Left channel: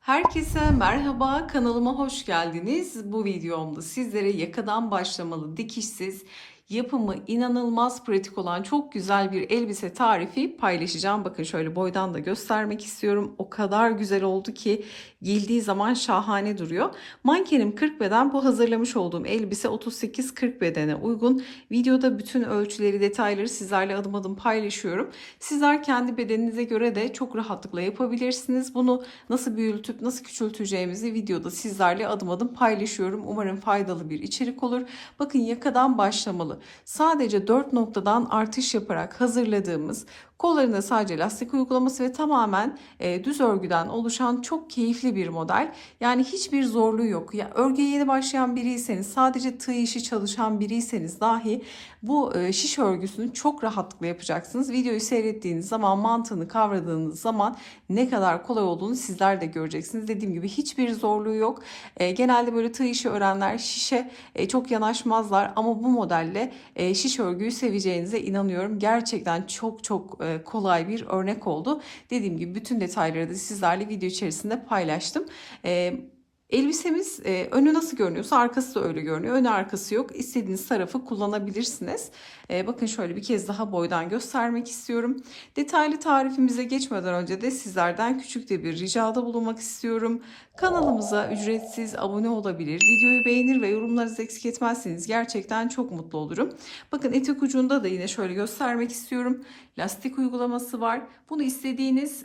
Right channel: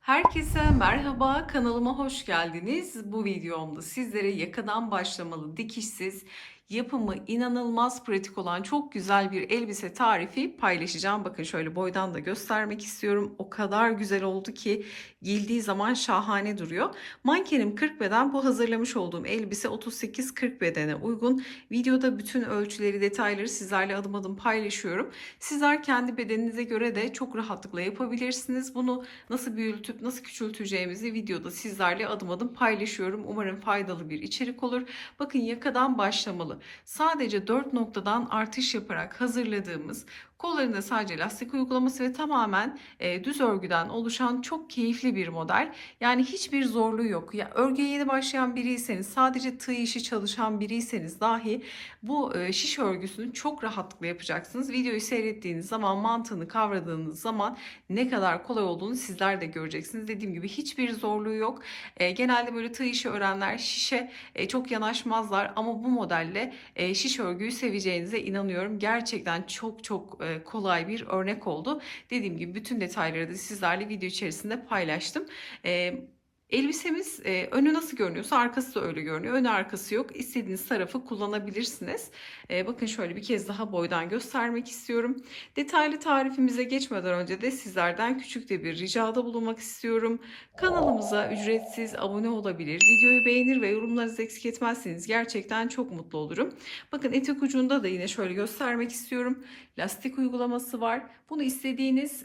Herkese merhaba, kanalıma hoş geldiniz. Bu videomda sizlere yakadan başlamalı, dikişsiz, yapımı inanılmaz pratik olan çok güzel bir elbise tarifi paylaşacağım. Bakın şöyle boydan da göstermek istiyorum. O kadar güzel oldu ki giyildiği zaman şahane duruyor. Mankenim 40 beden, bu hazırlamış olduğum elbise 38-40 bedene uygun. Videoda bütün ölçüleri, detayları sizlerle adım adım paylaşıyorum. Sizler kendi bedeninize göre de çok rahatlıkla yapabilirsiniz. Bunu nasıl büyütüp nasıl küçülteceğimizi videoda sizlerle adım adım paylaşıyorum. Umarım faydalı bir içerik olur. Bakın yakadan başlamalı. Sadece 4 noktadan artış yaparak hazırladığımız, kollarında sadece lastik uygulaması ve tamamen düz örgüden oluşan çok keyifli bir model. Yani hiçbir zorluğu yok. Ya örgüye yeni başlayan biriyseniz, sadece tığ işi çalışan biriyseniz dahi bu şiş örgüsünü çok rahatlıkla yapacaksınız. Videoyu seyrettiğiniz zaman, mantığını kavradığınız zaman ne kadar kolay olduğunu sizler de göreceksiniz. Dediğim gibi hiçbir zorluğu yok. Genelde böyle tığ işi öğrenler şişe çok yanaşmazlar ama bu modelle şiş örgüyü seveceğinize inanıyorum. Gerçekten çok kolay bir örnek oldu. Dediğim gibi bütün detayları da sizlerle video içerisinde paylaştım. E, Elbisemiz önü nasıl görünüyorsa arkası da öyle görünüyor. Önü arkası yok. İstediğiniz tarafı kullanabilirsiniz. Bakın şöyle bir kez daha boydan göstermek istiyorum. Detaylı tarifimize geçmeden önce de sizlerden küçük de bir ricada bulunmak istiyorum. Kanalımıza ücretsiz abone olabilir, videoyu beğenir ve yorumlarınızı eksik etmezseniz gerçekten çok mutlu olurum. Bakın etek ucunda da yine şöyle göstermek istiyorum. Lastik uygulaması var. Bunu istediğiniz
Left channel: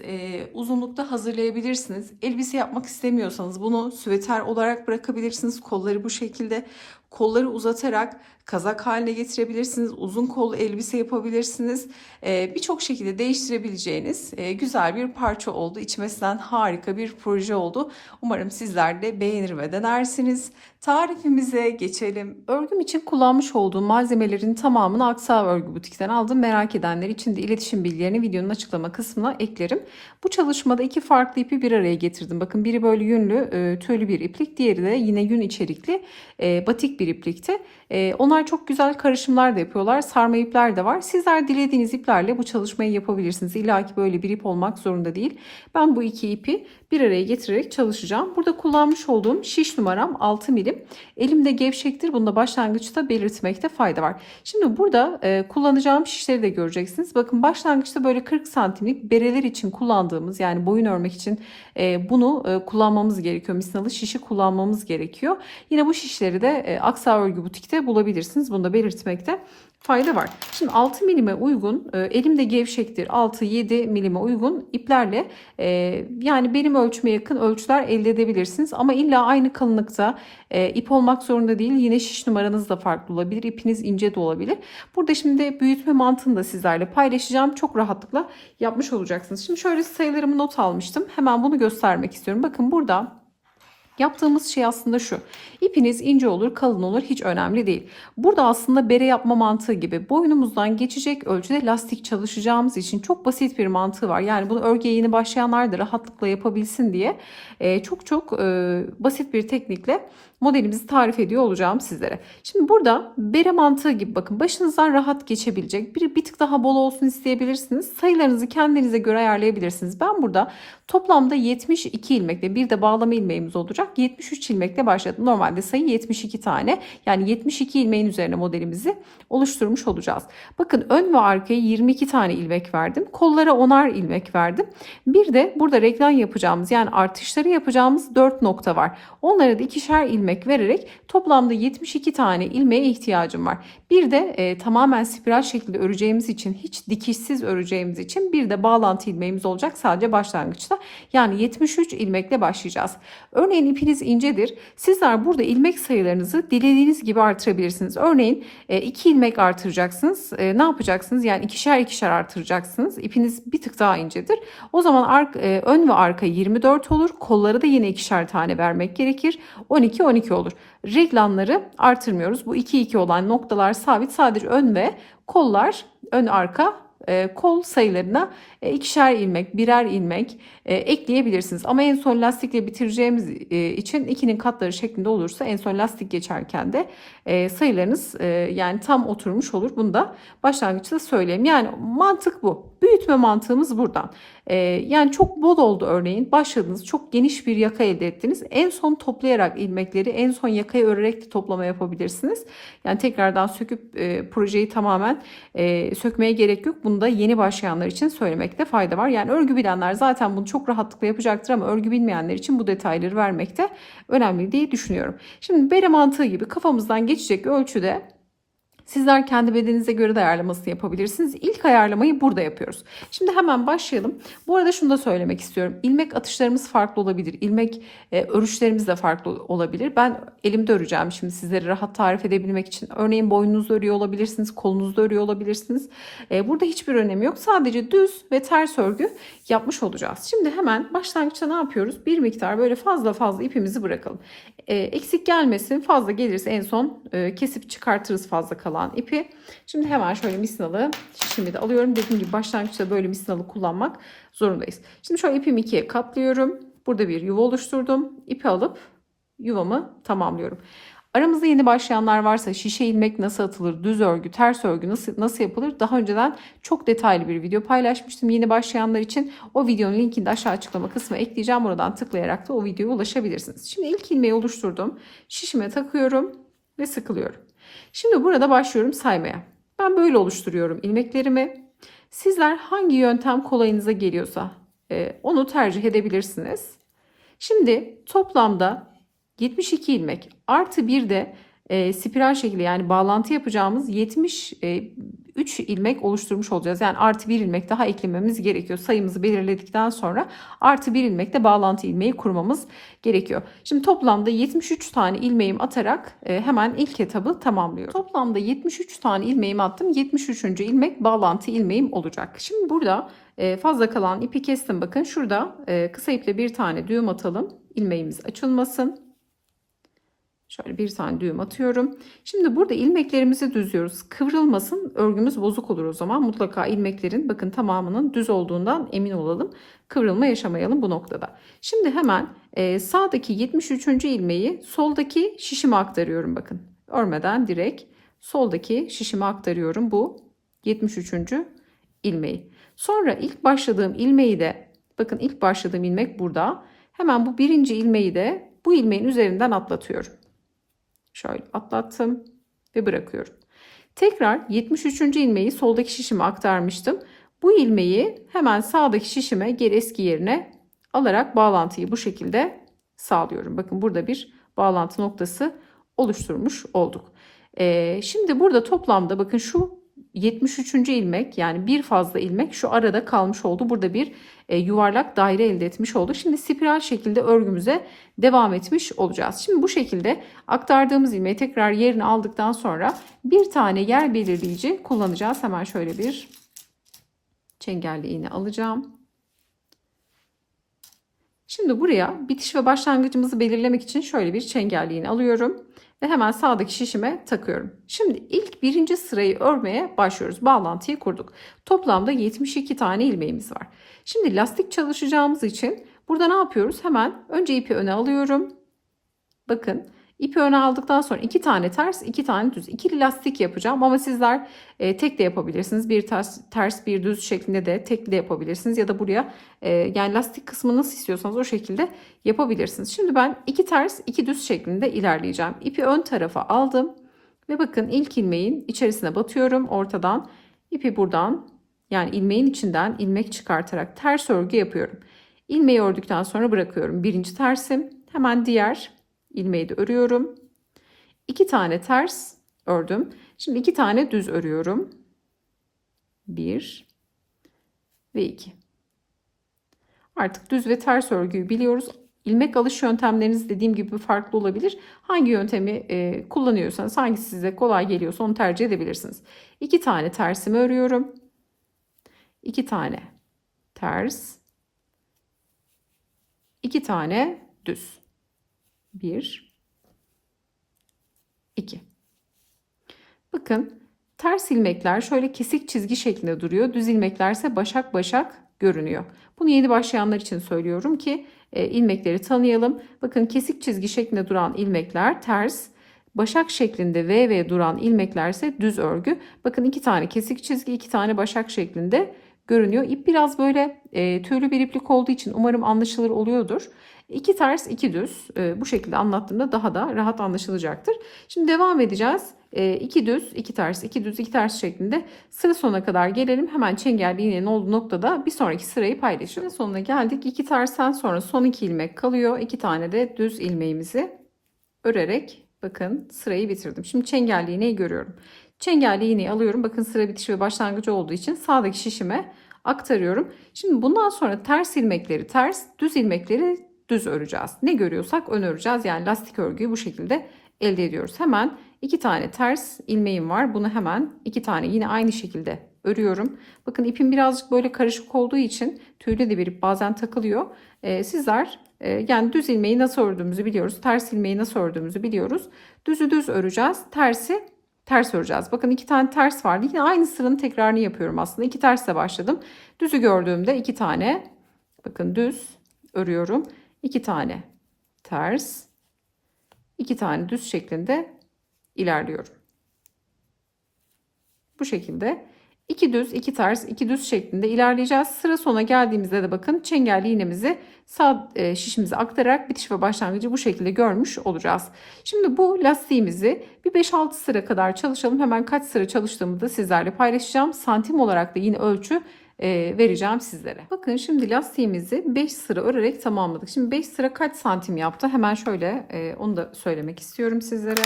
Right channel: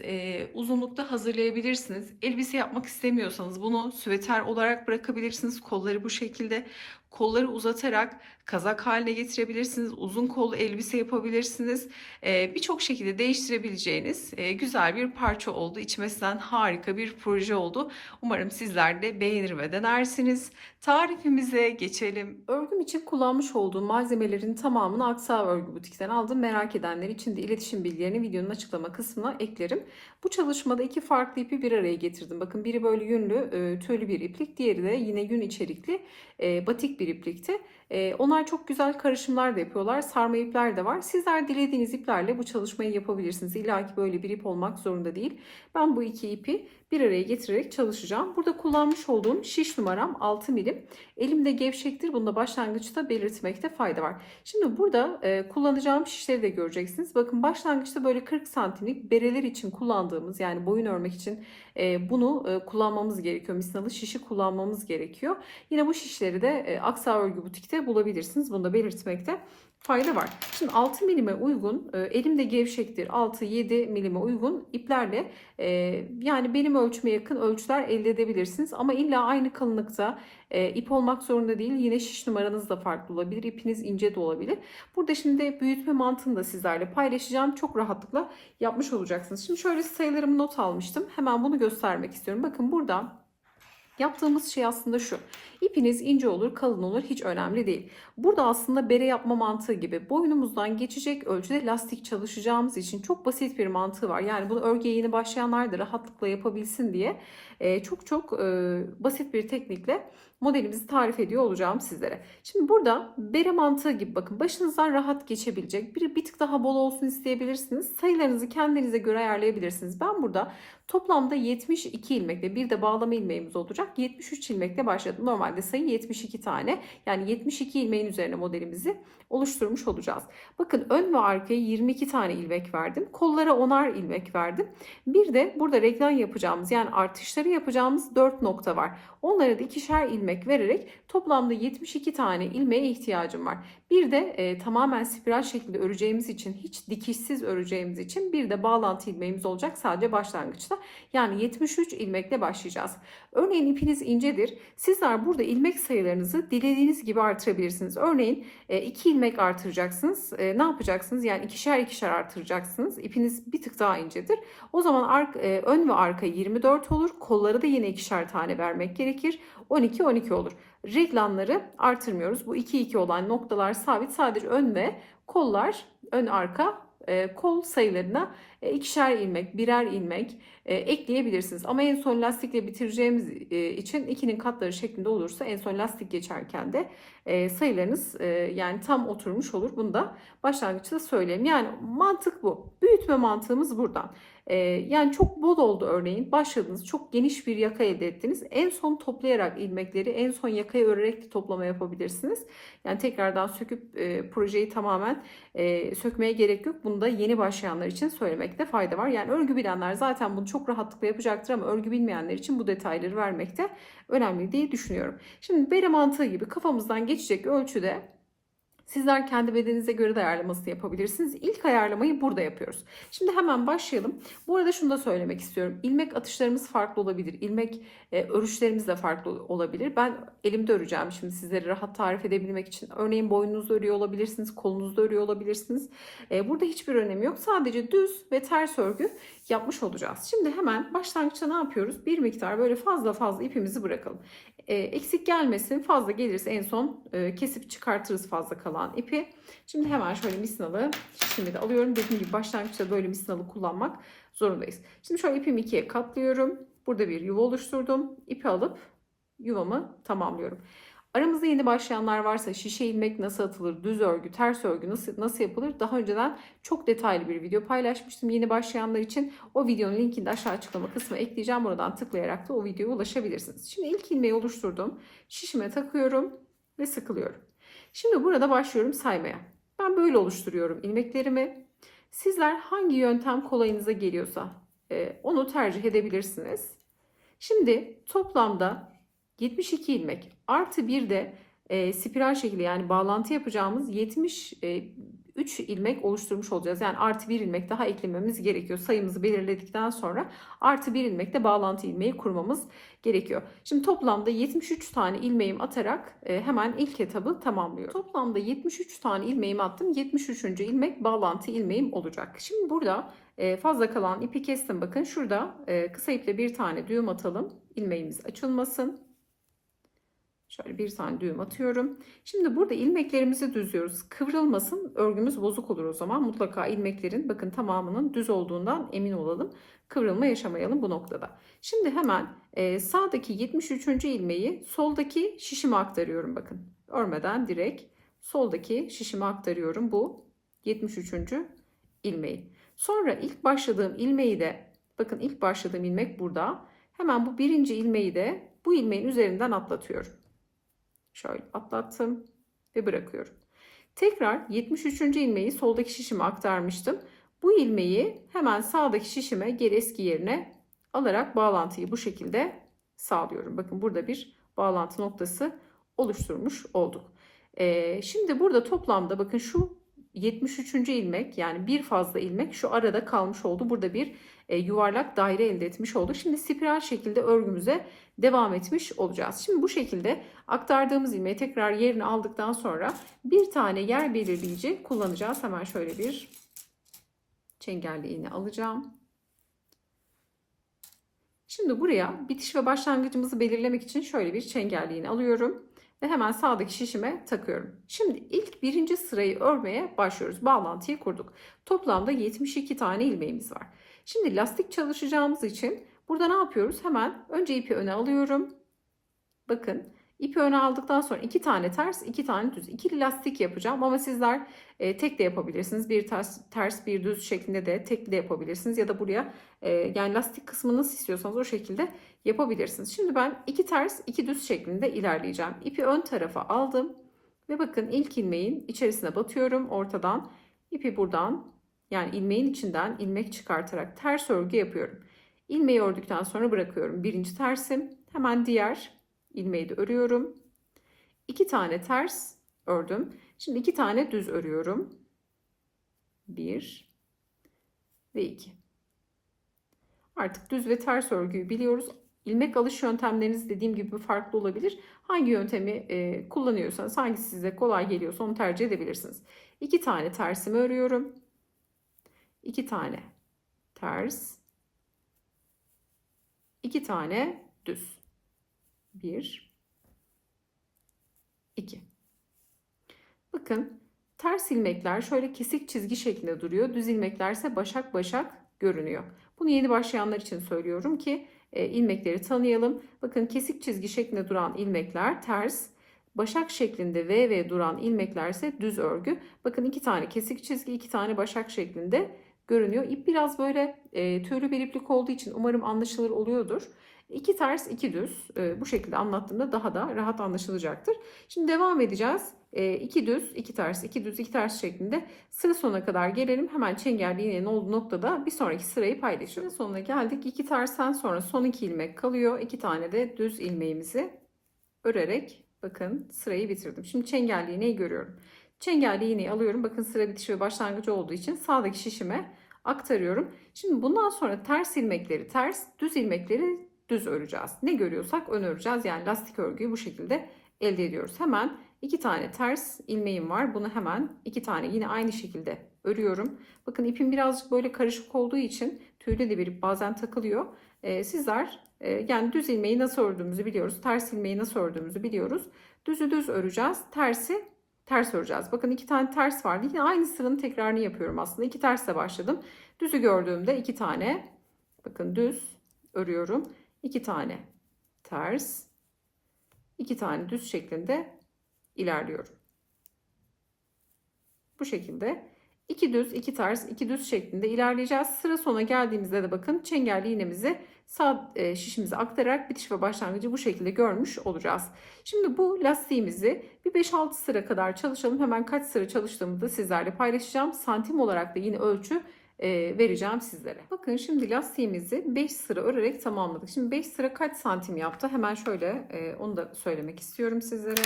uzunlukta hazırlayabilirsiniz. Elbise yapmak istemiyorsanız bunu süveter olarak bırakabilirsiniz. Kolları bu şekilde. Kolları uzatarak kazak haline getirebilirsiniz. Uzun kollu elbise yapabilirsiniz. Birçok şekilde değiştirebileceğiniz güzel bir parça oldu. İçmesinden harika bir proje oldu. Umarım sizler de beğenir ve denersiniz. Tarifimize geçelim. Örgüm için kullanmış olduğum malzemelerin tamamını Aksa Örgü Butik'ten aldım. Merak edenler için de iletişim bilgilerini videonun açıklama kısmına eklerim. Bu çalışmada iki farklı ipi bir araya getirdim. Bakın biri böyle yünlü tüylü bir iplik, diğeri de yine yün içerikli batik bir iplikti. Onlar çok güzel karışımlar da yapıyorlar. Sarma ipler de var. Sizler dilediğiniz iplerle bu çalışmayı yapabilirsiniz. İlla ki böyle bir ip olmak zorunda değil. Ben bu iki ipi bir araya getirerek çalışacağım. Burada kullanmış olduğum şiş numaram 6 milim. Elimde gevşektir. Bunu da başlangıçta belirtmekte fayda var. Şimdi burada kullanacağım şişleri de göreceksiniz. Bakın başlangıçta böyle 40 santimlik bereler için kullandığımız, yani boyun örmek için bunu kullanmamız gerekiyor. Misinalı şişi kullanmamız gerekiyor. Yine bu şişleri de Aksa Örgü Butik'te bulabilirsiniz. Bunu da belirtmekte fayda var. Şimdi 6 milime uygun, elimde gevşektir, 6-7 milime uygun iplerle yani benim ölçüme yakın ölçüler elde edebilirsiniz. Ama illa aynı kalınlıkta ip olmak zorunda değil. Yine şiş numaranız da farklı olabilir. İpiniz ince de olabilir. Burada şimdi büyütme mantığını da sizlerle paylaşacağım. Çok rahatlıkla yapmış olacaksınız. Şimdi şöyle sayılarımı not almıştım. Hemen bunu göstermek istiyorum. Bakın burada yaptığımız şey aslında şu. İpiniz ince olur, kalın olur, hiç önemli değil. Burada aslında bere yapma mantığı gibi boynumuzdan geçecek ölçüde lastik çalışacağımız için çok basit bir mantığı var. Yani bunu örgüye yeni başlayanlar da rahatlıkla yapabilsin diye çok basit bir teknikle modelimizi tarif ediyor olacağım sizlere. Şimdi burada bere mantığı gibi bakın, başınızdan rahat geçebilecek, bir tık daha bol olsun isteyebilirsiniz. Sayılarınızı kendinize göre ayarlayabilirsiniz. Ben burada toplamda 72 ilmekle, bir de bağlama ilmeğimiz olacak, 73 ilmekle başladım. Normalde sayı 72 tane. Yani 72 ilmeğin üzerine modelimizi oluşturmuş olacağız. Bakın ön ve arkaya 22 tane ilmek verdim. Kollara 10'ar ilmek verdim. Bir de burada reglan yapacağımız, yani artışları yapacağımız 4 nokta var. Onlara da ikişer ilmek vererek toplamda 72 tane ilmeğe ihtiyacım var. Bir de tamamen spiral şeklinde öreceğimiz için, hiç dikişsiz öreceğimiz için bir de bağlantı ilmeğimiz olacak sadece başlangıçta. Yani 73 ilmekle başlayacağız. Örneğin ipiniz incedir. Sizler burada ilmek sayılarınızı dilediğiniz gibi artırabilirsiniz. Örneğin 2 ilmek artıracaksınız. Ne yapacaksınız? Yani ikişer ikişer artıracaksınız. İpiniz bir tık daha incedir. O zaman ön ve arka 24 olur. Kolları da yine ikişer tane vermek gerekir. 12 olur. Reglanları artırmıyoruz. Bu 2 olan noktalar sabit. Sadece ön ve kollar, ön arka kol sayılarına ikişer ilmek, birer ilmek ekleyebilirsiniz. Ama en son lastikle bitireceğimiz için 2'nin katları şeklinde olursa en son lastik geçerken de sayılarınız yani tam oturmuş olur. Bunu da başlangıçta söyleyeyim. Yani mantık bu. Büyütme mantığımız buradan. Yani çok bol oldu örneğin. Başladınız, çok geniş bir yaka elde ettiniz. En son toplayarak ilmekleri, en son yakayı örerek de toplama yapabilirsiniz. Yani tekrardan söküp projeyi tamamen sökmeye gerek yok. Bunu da yeni başlayanlar için söylemekte fayda var. Yani örgü bilenler zaten bunu çok rahatlıkla yapacaktır ama örgü bilmeyenler için bu detayları vermekte önemli diye düşünüyorum. Şimdi bere mantığı gibi kafamızdan geçecek ölçüde sizler kendi bedeninize göre de ayarlamasını yapabilirsiniz. İlk ayarlamayı burada yapıyoruz. Şimdi hemen başlayalım. Bu arada şunu da söylemek istiyorum. İlmek atışlarımız farklı olabilir. İlmek örüşlerimiz de farklı olabilir. Ben elimde öreceğim şimdi sizlere rahat tarif edebilmek için. Örneğin boynunuzda örüyor olabilirsiniz, kolunuzda örüyor olabilirsiniz. Burada hiçbir önemi yok. Sadece düz ve ters örgü yapmış olacağız. Şimdi hemen başlangıçta ne yapıyoruz? Bir miktar böyle fazla fazla ipimizi bırakalım. Eksik gelmesin, fazla gelirse en son kesip çıkartırız fazla kalan ipi. Şimdi hemen şöyle misinalı şişimi de alıyorum. Dediğim gibi başlangıçta böyle misinalı kullanmak zorundayız. Şimdi şöyle ipimi ikiye katlıyorum. Burada bir yuva oluşturdum. İpi alıp yuvamı tamamlıyorum. Aramızda yeni başlayanlar varsa şişe ilmek nasıl atılır, düz örgü, ters örgü nasıl yapılır? Daha önceden çok detaylı bir video paylaşmıştım yeni başlayanlar için. O videonun linkini de aşağı açıklama kısmına ekleyeceğim. Oradan tıklayarak da o videoya ulaşabilirsiniz. Şimdi ilk ilmeği oluşturdum. Şişime takıyorum ve sıkılıyorum. Şimdi burada başlıyorum saymaya. Ben böyle oluşturuyorum ilmeklerimi. Sizler hangi yöntem kolayınıza geliyorsa onu tercih edebilirsiniz. Şimdi toplamda 72 ilmek artı bir de spiral şekli yani bağlantı yapacağımız 73 ilmek oluşturmuş olacağız. Yani artı bir ilmek daha eklememiz gerekiyor. Sayımızı belirledikten sonra artı bir ilmekle bağlantı ilmeği kurmamız gerekiyor. Şimdi toplamda 73 tane ilmeğimi atarak hemen ilk etabı tamamlıyorum. Toplamda 73 tane ilmeğimi attım. 73. ilmek bağlantı ilmeğim olacak. Şimdi burada fazla kalan ipi kestim. Bakın şurada kısa iple bir tane düğüm atalım. İlmeğimiz açılmasın. Şöyle bir tane düğüm atıyorum. Şimdi burada ilmeklerimizi düzüyoruz. Kıvrılmasın, örgümüz bozuk olur o zaman. Mutlaka ilmeklerin bakın tamamının düz olduğundan emin olalım. Kıvrılma yaşamayalım bu noktada. Şimdi hemen sağdaki 73. ilmeği soldaki şişime aktarıyorum bakın. Örmeden direkt soldaki şişime aktarıyorum bu 73. ilmeği. Sonra ilk başladığım ilmeği de bakın ilk başladığım ilmek burada. Hemen bu birinci ilmeği de bu ilmeğin üzerinden atlatıyorum. Şöyle atlattım ve bırakıyorum. Tekrar 73. ilmeği soldaki şişime aktarmıştım. Bu ilmeği hemen sağdaki şişime geri eski yerine alarak bağlantıyı bu şekilde sağlıyorum. Bakın burada bir bağlantı noktası oluşturmuş olduk. Şimdi burada toplamda bakın şu 73. ilmek yani bir fazla ilmek şu arada kalmış oldu. Burada bir yuvarlak daire elde etmiş olduk. Şimdi spiral şekilde örgümüze devam etmiş olacağız. Şimdi bu şekilde aktardığımız ilmeği tekrar yerine aldıktan sonra bir tane yer belirleyici kullanacağız. Hemen şöyle bir çengelli iğne alacağım. Şimdi buraya bitiş ve başlangıcımızı belirlemek için şöyle bir çengelli iğne alıyorum. Ve hemen sağdaki şişime takıyorum. Şimdi ilk birinci sırayı örmeye başlıyoruz. Bağlantıyı kurduk. Toplamda 72 tane ilmeğimiz var. Şimdi lastik çalışacağımız için burada ne yapıyoruz? Hemen önce ipi öne alıyorum. Bakın ipi öne aldıktan sonra 2 tane ters 2 tane düz ikili lastik yapacağım ama sizler tek de yapabilirsiniz. Bir ters bir düz şeklinde de tekli de yapabilirsiniz ya da buraya yani lastik kısmını nasıl istiyorsanız o şekilde yapabilirsiniz. Şimdi ben 2 ters 2 düz şeklinde ilerleyeceğim. İpi ön tarafa aldım ve bakın ilk ilmeğin içerisine batıyorum ortadan ipi buradan yani ilmeğin içinden ilmek çıkartarak ters örgü yapıyorum. İlmeği ördükten sonra bırakıyorum. Birinci tersim hemen diğer ilmeği de örüyorum. 2 tane ters ördüm. Şimdi 2 tane düz örüyorum. 1 ve 2. Artık düz ve ters örgüyü biliyoruz. İlmek alış yöntemleriniz dediğim gibi farklı olabilir. Hangi yöntemi kullanıyorsanız, hangisi size kolay geliyorsa onu tercih edebilirsiniz. 2 tane tersimi örüyorum. 2 tane ters. 2 tane düz. 1 2. Bakın Ters ilmekler şöyle kesik çizgi şeklinde duruyor. Düz ilmeklerse başak başak görünüyor. Bunu yeni başlayanlar için söylüyorum ki ilmekleri tanıyalım. Bakın kesik çizgi şeklinde duran ilmekler ters. Başak şeklinde V duran ilmekler ise düz örgü. Bakın 2 tane kesik çizgi, 2 tane başak şeklinde görünüyor. İp biraz böyle tüylü bir iplik olduğu için umarım anlaşılır oluyordur. 2 ters 2 düz bu şekilde anlattığımda daha da rahat anlaşılacaktır. Şimdi devam edeceğiz. 2 düz 2 ters 2 düz 2 ters şeklinde sıra sonuna kadar gelelim. Hemen çengelli iğnenin olduğu noktada bir sonraki sırayı paylaşırım. Sonuna geldik. 2 tersten sonra son 2 ilmek kalıyor. 2 tane de düz ilmeğimizi örerek bakın sırayı bitirdim. Şimdi çengelli iğneyi görüyorum. Çengelli iğneyi alıyorum. Bakın sıra bitişi ve başlangıcı olduğu için sağdaki şişime aktarıyorum. Şimdi bundan sonra ters ilmekleri ters, düz ilmekleri düz öreceğiz. Ne görüyorsak ön öreceğiz. Yani lastik örgüyü bu şekilde elde ediyoruz. Hemen 2 tane ters ilmeğim var. Bunu hemen 2 tane yine aynı şekilde örüyorum. Bakın ipim birazcık böyle karışık olduğu için tüyle de bir ip bazen takılıyor. Sizler yani düz ilmeği nasıl ördüğümüzü biliyoruz. Ters ilmeği nasıl ördüğümüzü biliyoruz. Düzü düz öreceğiz. Tersi ters öreceğiz. Bakın 2 tane ters vardı. Yine aynı sıranın tekrarını yapıyorum aslında. 2 tersle başladım. Düzü gördüğümde 2 tane bakın düz örüyorum. 2 tane ters, 2 tane düz şeklinde ilerliyorum. Bu şekilde 2 düz, 2 ters, 2 düz şeklinde ilerleyeceğiz. Sıra sona geldiğimizde de bakın çengelli iğnemizi sağ şişimize aktararak bitiş ve başlangıcı bu şekilde görmüş olacağız. Şimdi bu lastiğimizi bir 5-6 sıra kadar çalışalım. Hemen kaç sıra çalıştığımı da sizlerle paylaşacağım. Santim olarak da yine ölçü vereceğim sizlere. Bakın şimdi lastiğimizi 5 sıra örerek tamamladık. Şimdi 5 sıra kaç santim yaptı? Hemen şöyle onu da söylemek istiyorum sizlere.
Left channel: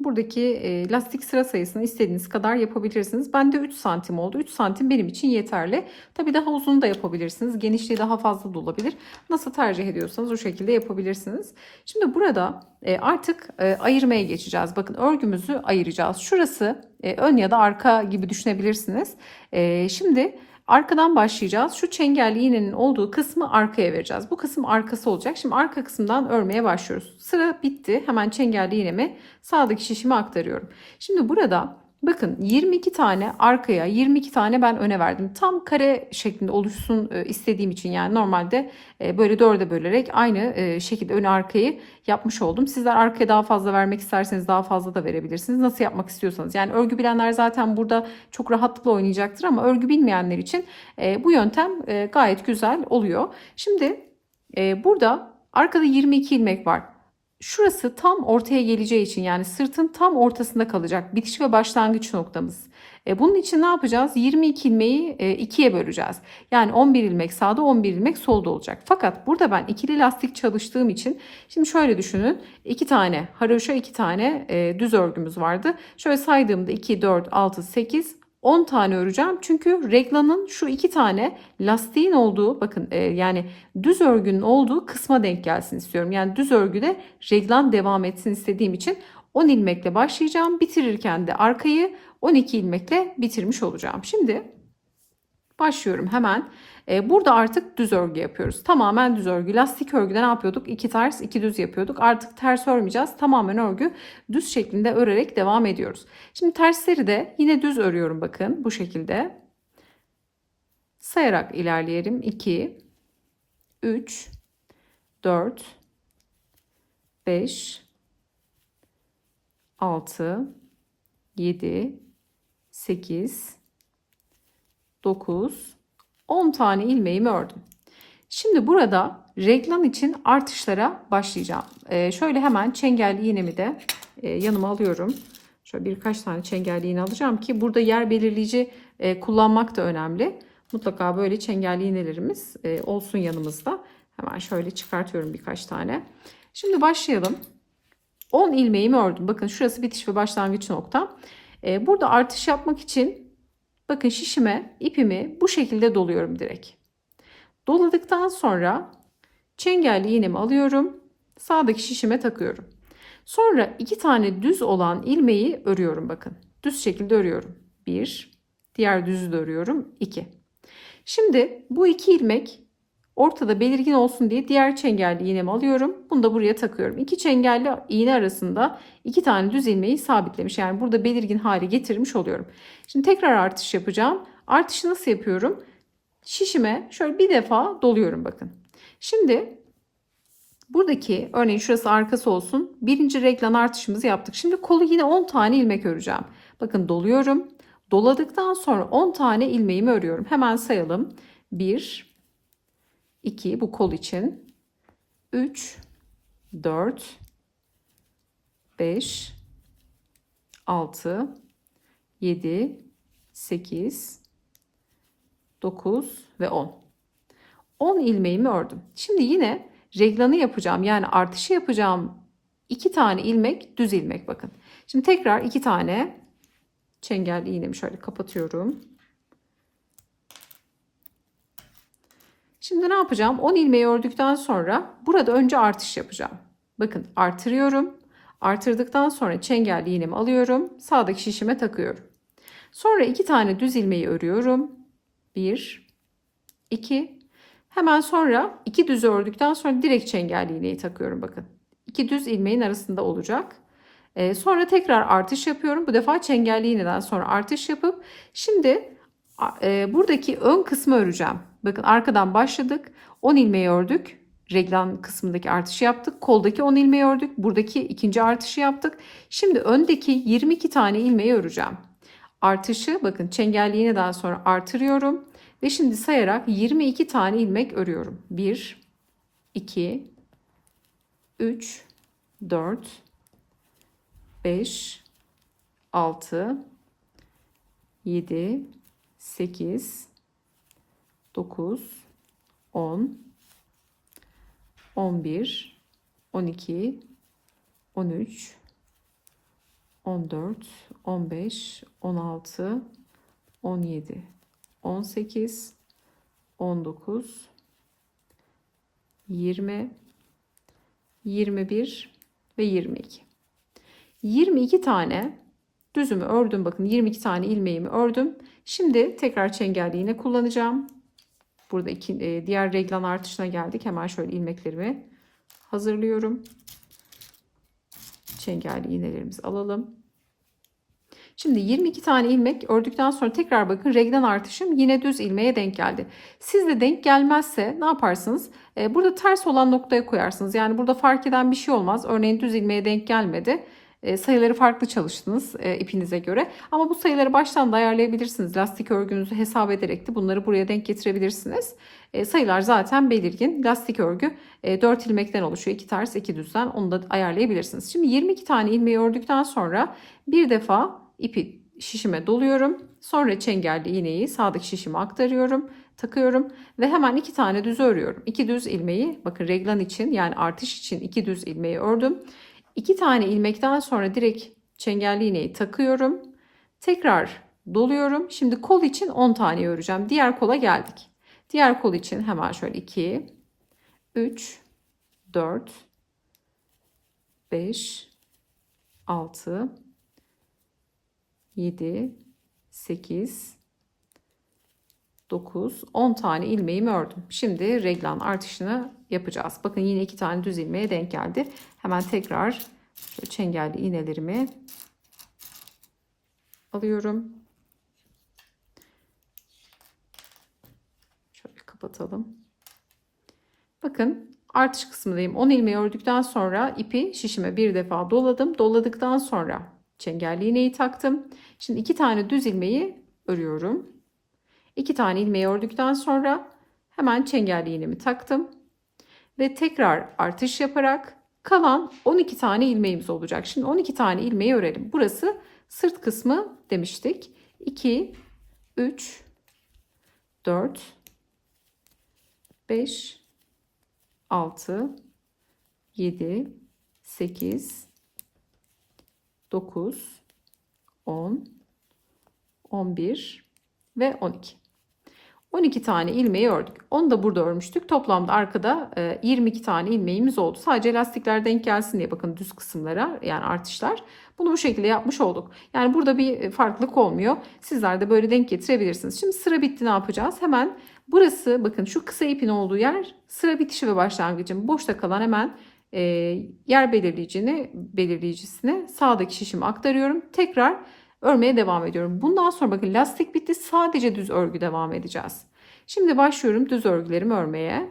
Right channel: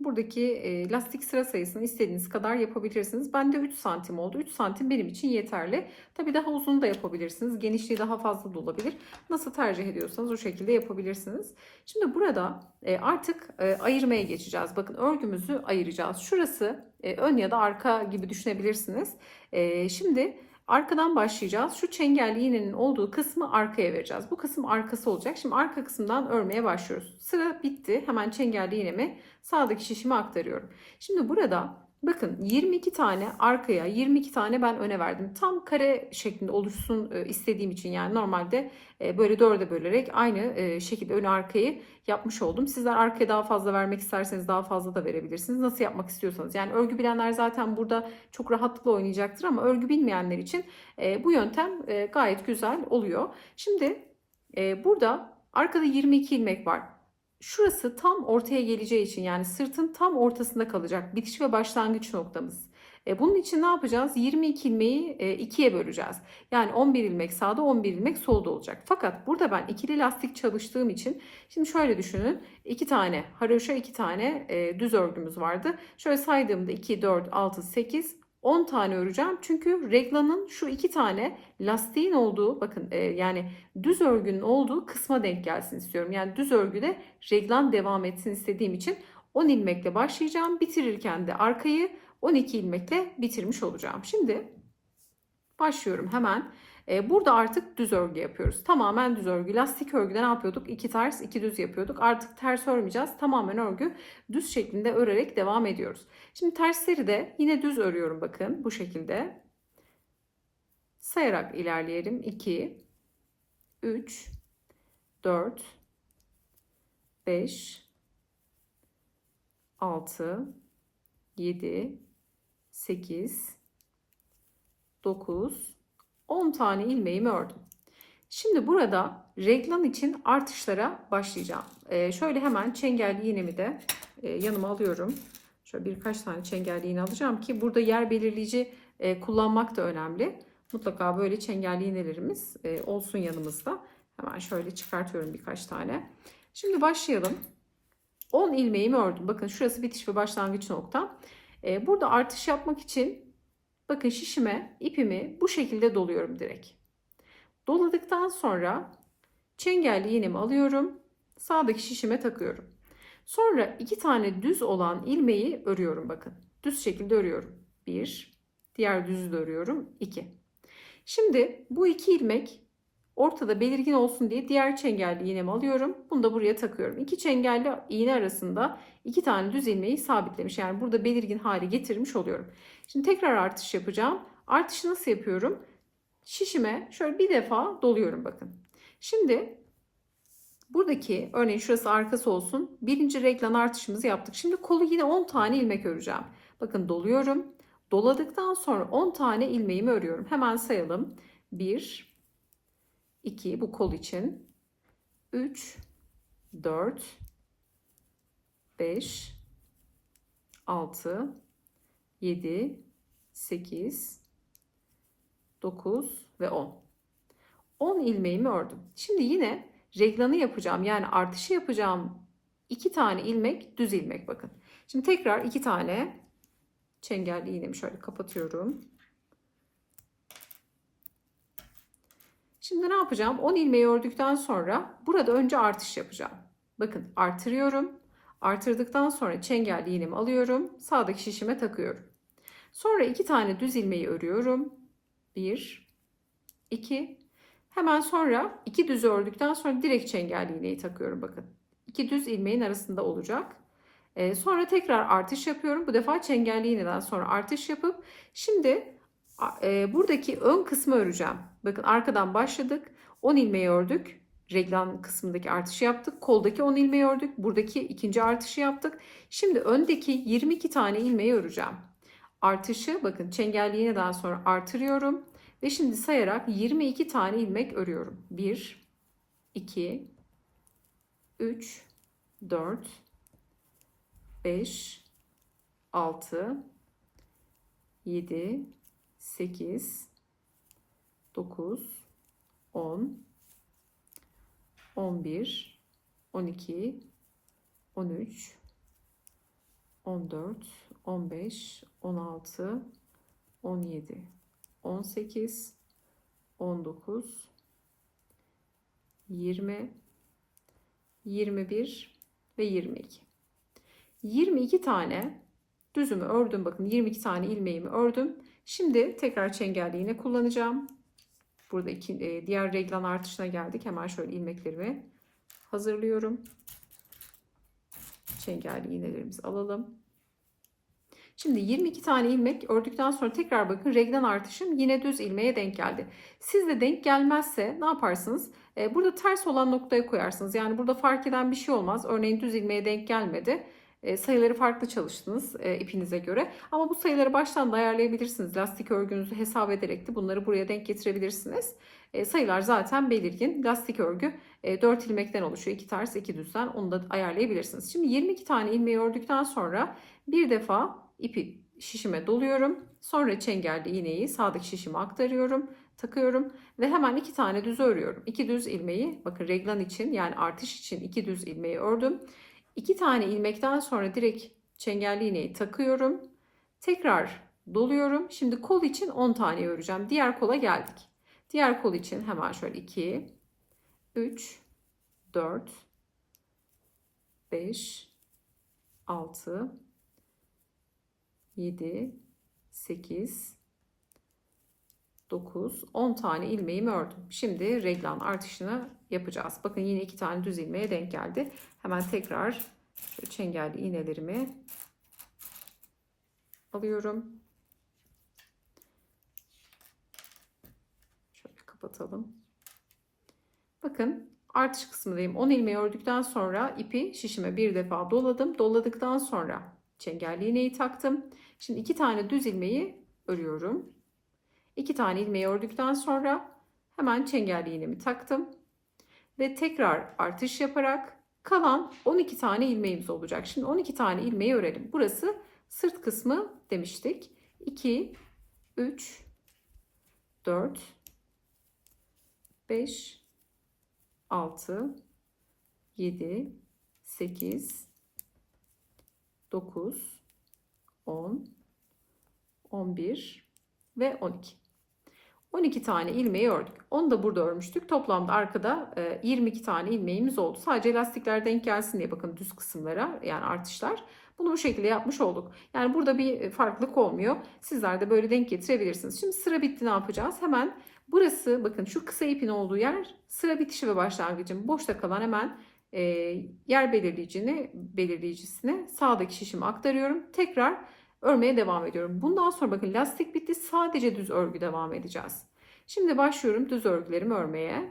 Buradaki lastik sıra sayısını istediğiniz kadar yapabilirsiniz. Bende 3 santim oldu. 3 santim benim için yeterli. Tabii daha uzun da yapabilirsiniz. Genişliği daha fazla da olabilir. Nasıl tercih ediyorsanız o şekilde yapabilirsiniz. Şimdi burada artık ayırmaya geçeceğiz. Bakın örgümüzü ayıracağız. Şurası ön ya da arka gibi düşünebilirsiniz. Şimdi arkadan başlayacağız. Şu çengelli iğnenin olduğu kısmı arkaya vereceğiz. Bu kısım arkası olacak. Şimdi arka kısımdan örmeye başlıyoruz. Sıra bitti. Hemen çengelli iğnemi sağdaki şişime aktarıyorum. Şimdi burada bakın 22 tane arkaya 22 tane ben öne verdim. Tam kare şeklinde oluşsun istediğim için yani normalde böyle dörde bölerek aynı şekilde ön arkayı yapmış oldum. Sizler arkaya daha fazla vermek isterseniz daha fazla da verebilirsiniz. Nasıl yapmak istiyorsanız. Yani örgü bilenler zaten burada çok rahatlıkla oynayacaktır ama örgü bilmeyenler için bu yöntem gayet güzel oluyor. Şimdi burada arkada 22 ilmek var. Şurası tam ortaya geleceği için yani sırtın tam ortasında kalacak bitiş ve başlangıç noktamız. Bunun için ne yapacağız? 22 ilmeği ikiye böleceğiz. Yani 11 ilmek sağda 11 ilmek solda olacak. Fakat burada ben ikili lastik çalıştığım için şimdi şöyle düşünün. 2 tane haroşa 2 tane düz örgümüz vardı. Şöyle saydığımda 2, 4, 6, 8, 10 tane öreceğim. Çünkü reglanın şu 2 tane lastiğin olduğu bakın yani düz örgünün olduğu kısma denk gelsin istiyorum. Yani düz örgüde reglan devam etsin istediğim için 10 ilmekle başlayacağım. Bitirirken de arkayı 12 ilmekle bitirmiş olacağım. Şimdi başlıyorum hemen. Burada artık düz örgü yapıyoruz. Tamamen düz örgü. Lastik örgüde ne yapıyorduk? 2 ters 2 düz yapıyorduk. Artık ters örmeyeceğiz. Tamamen örgü düz şeklinde örerek devam ediyoruz. Şimdi tersleri de yine düz örüyorum bakın bu şekilde. Sayarak ilerleyelim. 2, 3, 4, 5, 6, 7, 8, 9, 10 tane ilmeğimi ördüm. Şimdi burada reglan için artışlara başlayacağım. Şöyle hemen çengelli iğnemi de yanıma alıyorum. Şöyle birkaç tane çengelli iğne alacağım ki burada yer belirleyici kullanmak da önemli. Mutlaka böyle çengelli iğnelerimiz olsun yanımızda. Hemen şöyle çıkartıyorum birkaç tane. Şimdi başlayalım. 10 ilmeğimi ördüm. Bakın şurası bitiş ve başlangıç noktam. Burada artış yapmak için bakın şişime ipimi bu şekilde doluyorum direkt. Doladıktan sonra çengelli iğnemi alıyorum. Sağdaki şişime takıyorum. Sonra 2 tane düz olan ilmeği örüyorum bakın. Düz şekilde örüyorum. 1, diğer düzü de örüyorum. 2. Şimdi bu 2 ilmek Ortada belirgin olsun diye diğer çengelli iğnemi alıyorum. Bunu da buraya takıyorum. İki çengelli iğne arasında iki tane düz ilmeği sabitlemiş. Yani burada belirgin hale getirmiş oluyorum. Şimdi tekrar artış yapacağım. Artışı nasıl yapıyorum? Şişime şöyle bir defa doluyorum bakın. Şimdi buradaki örneğin şurası arkası olsun. Birinci reglan artışımızı yaptık. Şimdi kolu yine 10 tane ilmek öreceğim. Bakın doluyorum. Doladıktan sonra 10 tane ilmeğimi örüyorum. Hemen sayalım. 1, 2 bu kol için. 3, 4, 5, 6, 7, 8, 9 ve 10. 10 ilmeğimi ördüm. Şimdi yine reglanı yapacağım. Yani artışı yapacağım. 2 tane ilmek düz ilmek bakın. Şimdi tekrar 2 tane çengelli iğnemi şöyle kapatıyorum. Şimdi ne yapacağım? 10 ilmeği ördükten sonra burada önce artış yapacağım. Bakın artırıyorum. Artırdıktan sonra çengelli iğnemi alıyorum. Sağdaki şişime takıyorum. Sonra 2 tane düz ilmeği örüyorum. 1, 2. Hemen sonra 2 düz ördükten sonra direkt çengelli iğneyi takıyorum bakın. 2 düz ilmeğin arasında olacak. Sonra tekrar artış yapıyorum. Bu defa çengelli iğneden sonra artış yapıp şimdi buradaki ön kısmı öreceğim. Bakın arkadan başladık. 10 ilmeği ördük. Reglan kısmındaki artışı yaptık. Koldaki 10 ilmeği ördük. Buradaki ikinci artışı yaptık. Şimdi öndeki 22 tane ilmeği öreceğim. Artışı bakın çengelli iğneden sonra artırıyorum. Ve şimdi sayarak 22 tane ilmek örüyorum. 1, 2, 3, 4, 5, 6, 7, 8, 9, 10, 11, 12, 13, 14, 15, 16, 17, 18, 19, 20, 21 ve 22. 22 tane düzümü ördüm. Bakın 22 tane ilmeğimi ördüm. Şimdi tekrar çengelli iğne kullanacağım. Burada diğer reglan artışına geldik. Hemen şöyle ilmeklerimi hazırlıyorum. Çengelli iğnelerimizi alalım. Şimdi 22 tane ilmek ördükten sonra tekrar bakın reglan artışım yine düz ilmeğe denk geldi. Sizde denk gelmezse ne yaparsınız? Burada ters olan noktaya koyarsınız. Yani burada fark eden bir şey olmaz. Örneğin düz ilmeğe denk gelmedi. Sayıları farklı çalıştınız ipinize göre. Ama bu sayıları baştan da ayarlayabilirsiniz. Lastik örgünüzü hesap ederek de bunları buraya denk getirebilirsiniz. Sayılar zaten belirgin. Lastik örgü 4 ilmekten oluşuyor. 2 ters 2 düzden onu da ayarlayabilirsiniz. Şimdi 22 tane ilmeği ördükten sonra bir defa ipi şişime doluyorum. Sonra çengelli iğneyi sağdaki şişime aktarıyorum, takıyorum ve hemen 2 tane düz örüyorum. 2 düz ilmeği bakın reglan için yani artış için 2 düz ilmeği ördüm. 2 tane ilmekten sonra direkt çengelli iğneyi takıyorum. Tekrar doluyorum. Şimdi kol için 10 tane öreceğim. Diğer kola geldik. Diğer kol için hemen şöyle 2, 3, 4, 5, 6, 7, 8, 9, 10 tane ilmeğimi ördüm. Şimdi reglan artışını yapacağız. Bakın yine 2 tane düz ilmeğe denk geldi. Hemen tekrar çengelli iğnelerimi alıyorum. Şöyle kapatalım. Bakın artış kısmındayım. 10 ilmeği ördükten sonra ipi şişime bir defa doladım. Doladıktan sonra çengelli iğneyi taktım. Şimdi 2 tane düz ilmeği örüyorum. 2 tane ilmeği ördükten sonra hemen çengelli iğnemi taktım. Ve tekrar artış yaparak kalan 12 tane ilmeğimiz olacak. Şimdi 12 tane ilmeği örelim. Burası sırt kısmı demiştik. 2, 3, 4, 5, 6, 7, 8, 9, 10, 11 ve 12. 12 tane ilmeği ördük. Onu da burada örmüştük. Toplamda arkada 22 tane ilmeğimiz oldu. Sadece lastikler denk gelsin diye bakın düz kısımlara, yani artışlar. Bunu bu şekilde yapmış olduk. Yani burada bir farklılık olmuyor. Sizler de böyle denk getirebilirsiniz. Şimdi sıra bitti, ne yapacağız? Hemen burası, bakın şu kısa ipin olduğu yer sıra bitişi ve başlangıcım. Boşta kalan hemen e, yer belirleyicisine sağdaki şişimi aktarıyorum. Tekrar örmeye devam ediyorum. Bundan sonra bakın lastik bitti. Sadece düz örgü devam edeceğiz. Şimdi başlıyorum düz örgülerimi örmeye.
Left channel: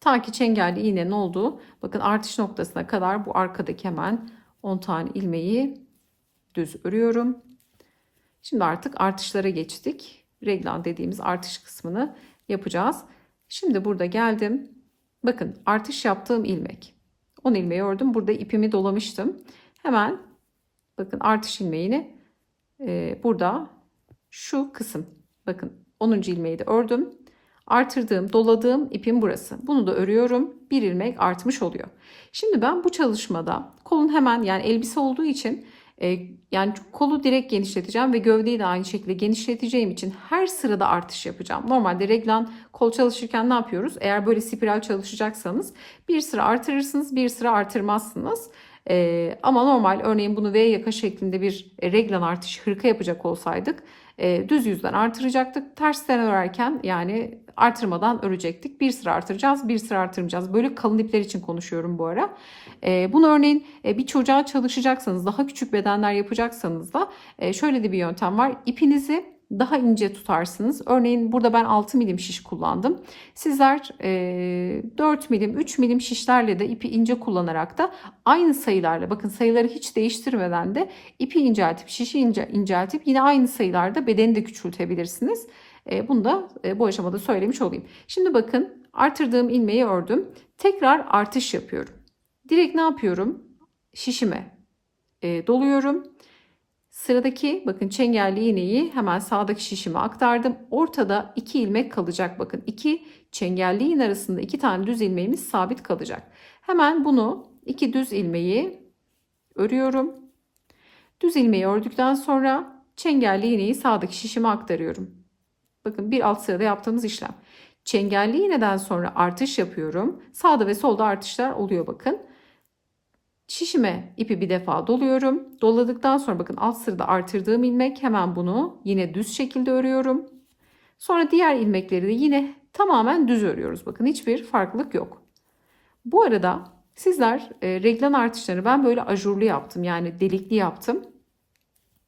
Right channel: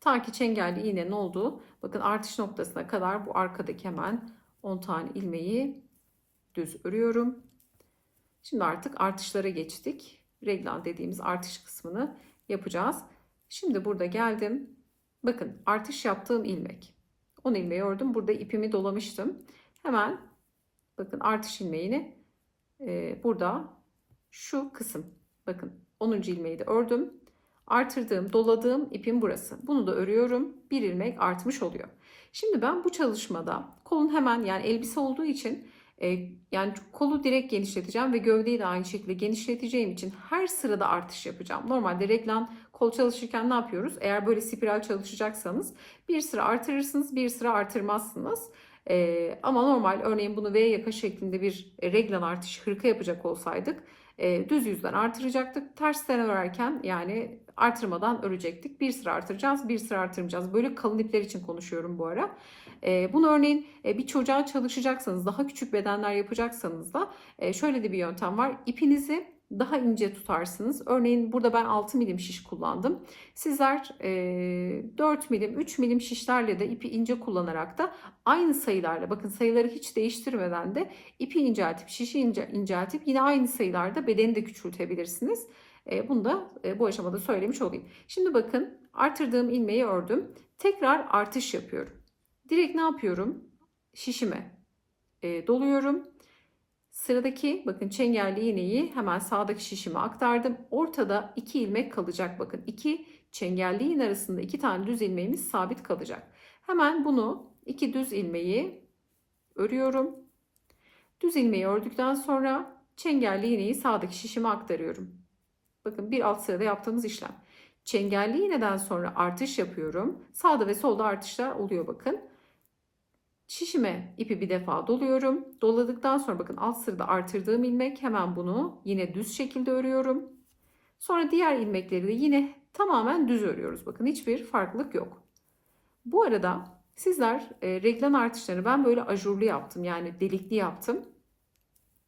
Ta ki çengelli iğnenin olduğu, bakın artış noktasına kadar bu arkadaki hemen 10 tane ilmeği düz örüyorum. Şimdi artık artışlara geçtik. Reglan dediğimiz artış kısmını yapacağız. Şimdi burada geldim. Bakın artış yaptığım ilmek. 10 ilmeği ördüm. Burada ipimi dolamıştım. Hemen bakın artış ilmeğini burada şu kısım, bakın 10. ilmeği de ördüm. Artırdığım, doladığım ipim burası. Bunu da örüyorum. Bir ilmek artmış oluyor. Şimdi ben bu çalışmada kolun hemen, yani elbise olduğu için yani kolu direkt genişleteceğim ve gövdeyi de aynı şekilde genişleteceğim için her sırada artış yapacağım. Normalde reglan kol çalışırken ne yapıyoruz? Eğer böyle spiral çalışacaksanız bir sıra artırırsınız, bir sıra artırmazsınız. Ama normal, örneğin bunu V yaka şeklinde bir reglan artış hırka yapacak olsaydık düz yüzden artıracaktık. Tersten örerken yani artırmadan örecektik. Bir sıra artıracağız, bir sıra artırmayacağız. Böyle kalın ipler için konuşuyorum bu ara. Bunu örneğin bir çocuğa çalışacaksanız, daha küçük bedenler yapacaksanız da şöyle de bir yöntem var. İpinizi daha ince tutarsınız. Örneğin burada ben 6 milim şiş kullandım. Sizler 4 milim, 3 milim şişlerle de ipi ince kullanarak da aynı sayılarla, bakın sayıları hiç değiştirmeden de ipi inceltip, şişi inceltip yine aynı sayılarda bedeni de küçültebilirsiniz. Bunu da bu aşamada söylemiş olayım. Şimdi bakın artırdığım ilmeği ördüm. Tekrar artış yapıyorum. Direkt ne yapıyorum? Şişime doluyorum. Sıradaki bakın çengelli iğneyi hemen sağdaki şişime aktardım. Ortada 2 ilmek kalacak. Bakın 2 çengelli iğne arasında 2 tane düz ilmeğimiz sabit kalacak. Hemen bunu 2 düz ilmeği örüyorum. Düz ilmeği ördükten sonra çengelli iğneyi sağdaki şişime aktarıyorum. Bakın bir alt sırada yaptığımız işlem. Çengelli iğneden sonra artış yapıyorum. Sağda ve solda artışlar oluyor bakın. Şişime ipi bir defa doluyorum. Doladıktan sonra bakın alt sırada artırdığım ilmek, hemen bunu yine düz şekilde örüyorum. Sonra diğer ilmekleri de yine tamamen düz örüyoruz. Bakın hiçbir farklılık yok. Bu arada sizler reglan artışlarını ben böyle ajurlu yaptım, yani delikli yaptım.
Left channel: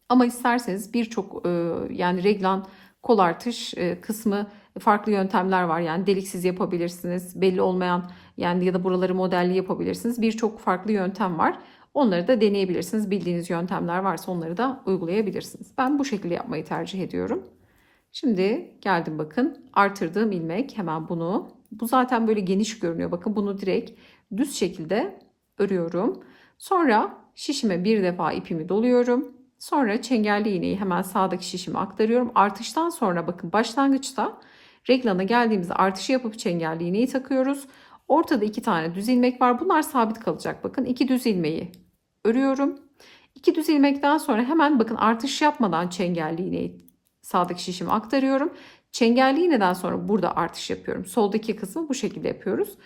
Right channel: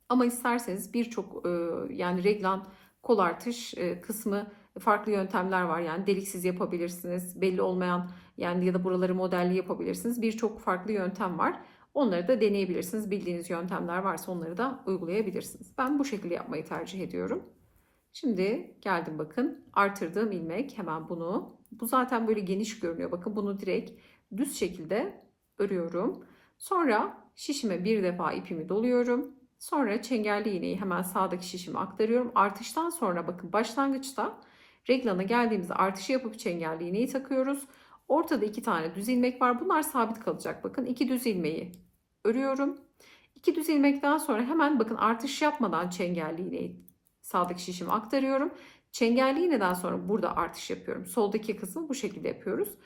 Ama isterseniz birçok yani reglan kol artış kısmı farklı yöntemler var. Yani deliksiz yapabilirsiniz. Belli olmayan, yani ya da buraları modelli yapabilirsiniz. Birçok farklı yöntem var. Onları da deneyebilirsiniz. Bildiğiniz yöntemler varsa onları da uygulayabilirsiniz. Ben bu şekilde yapmayı tercih ediyorum. Şimdi geldim, bakın artırdığım ilmek, hemen bunu, bu zaten böyle geniş görünüyor. Bakın bunu direkt düz şekilde örüyorum. Sonra şişime bir defa ipimi doluyorum. Sonra çengelli iğneyi hemen sağdaki şişime aktarıyorum. Artıştan sonra bakın başlangıçta reglana geldiğimizde artışı yapıp çengelli iğneyi takıyoruz. Ortada 2 tane düz ilmek var. Bunlar sabit kalacak. Bakın 2 düz ilmeği örüyorum. 2 düz ilmekten sonra hemen bakın artış yapmadan çengelli iğneyi sağdaki şişime aktarıyorum. Çengelli iğneden sonra burada artış yapıyorum. Soldaki kısmı bu şekilde yapıyoruz.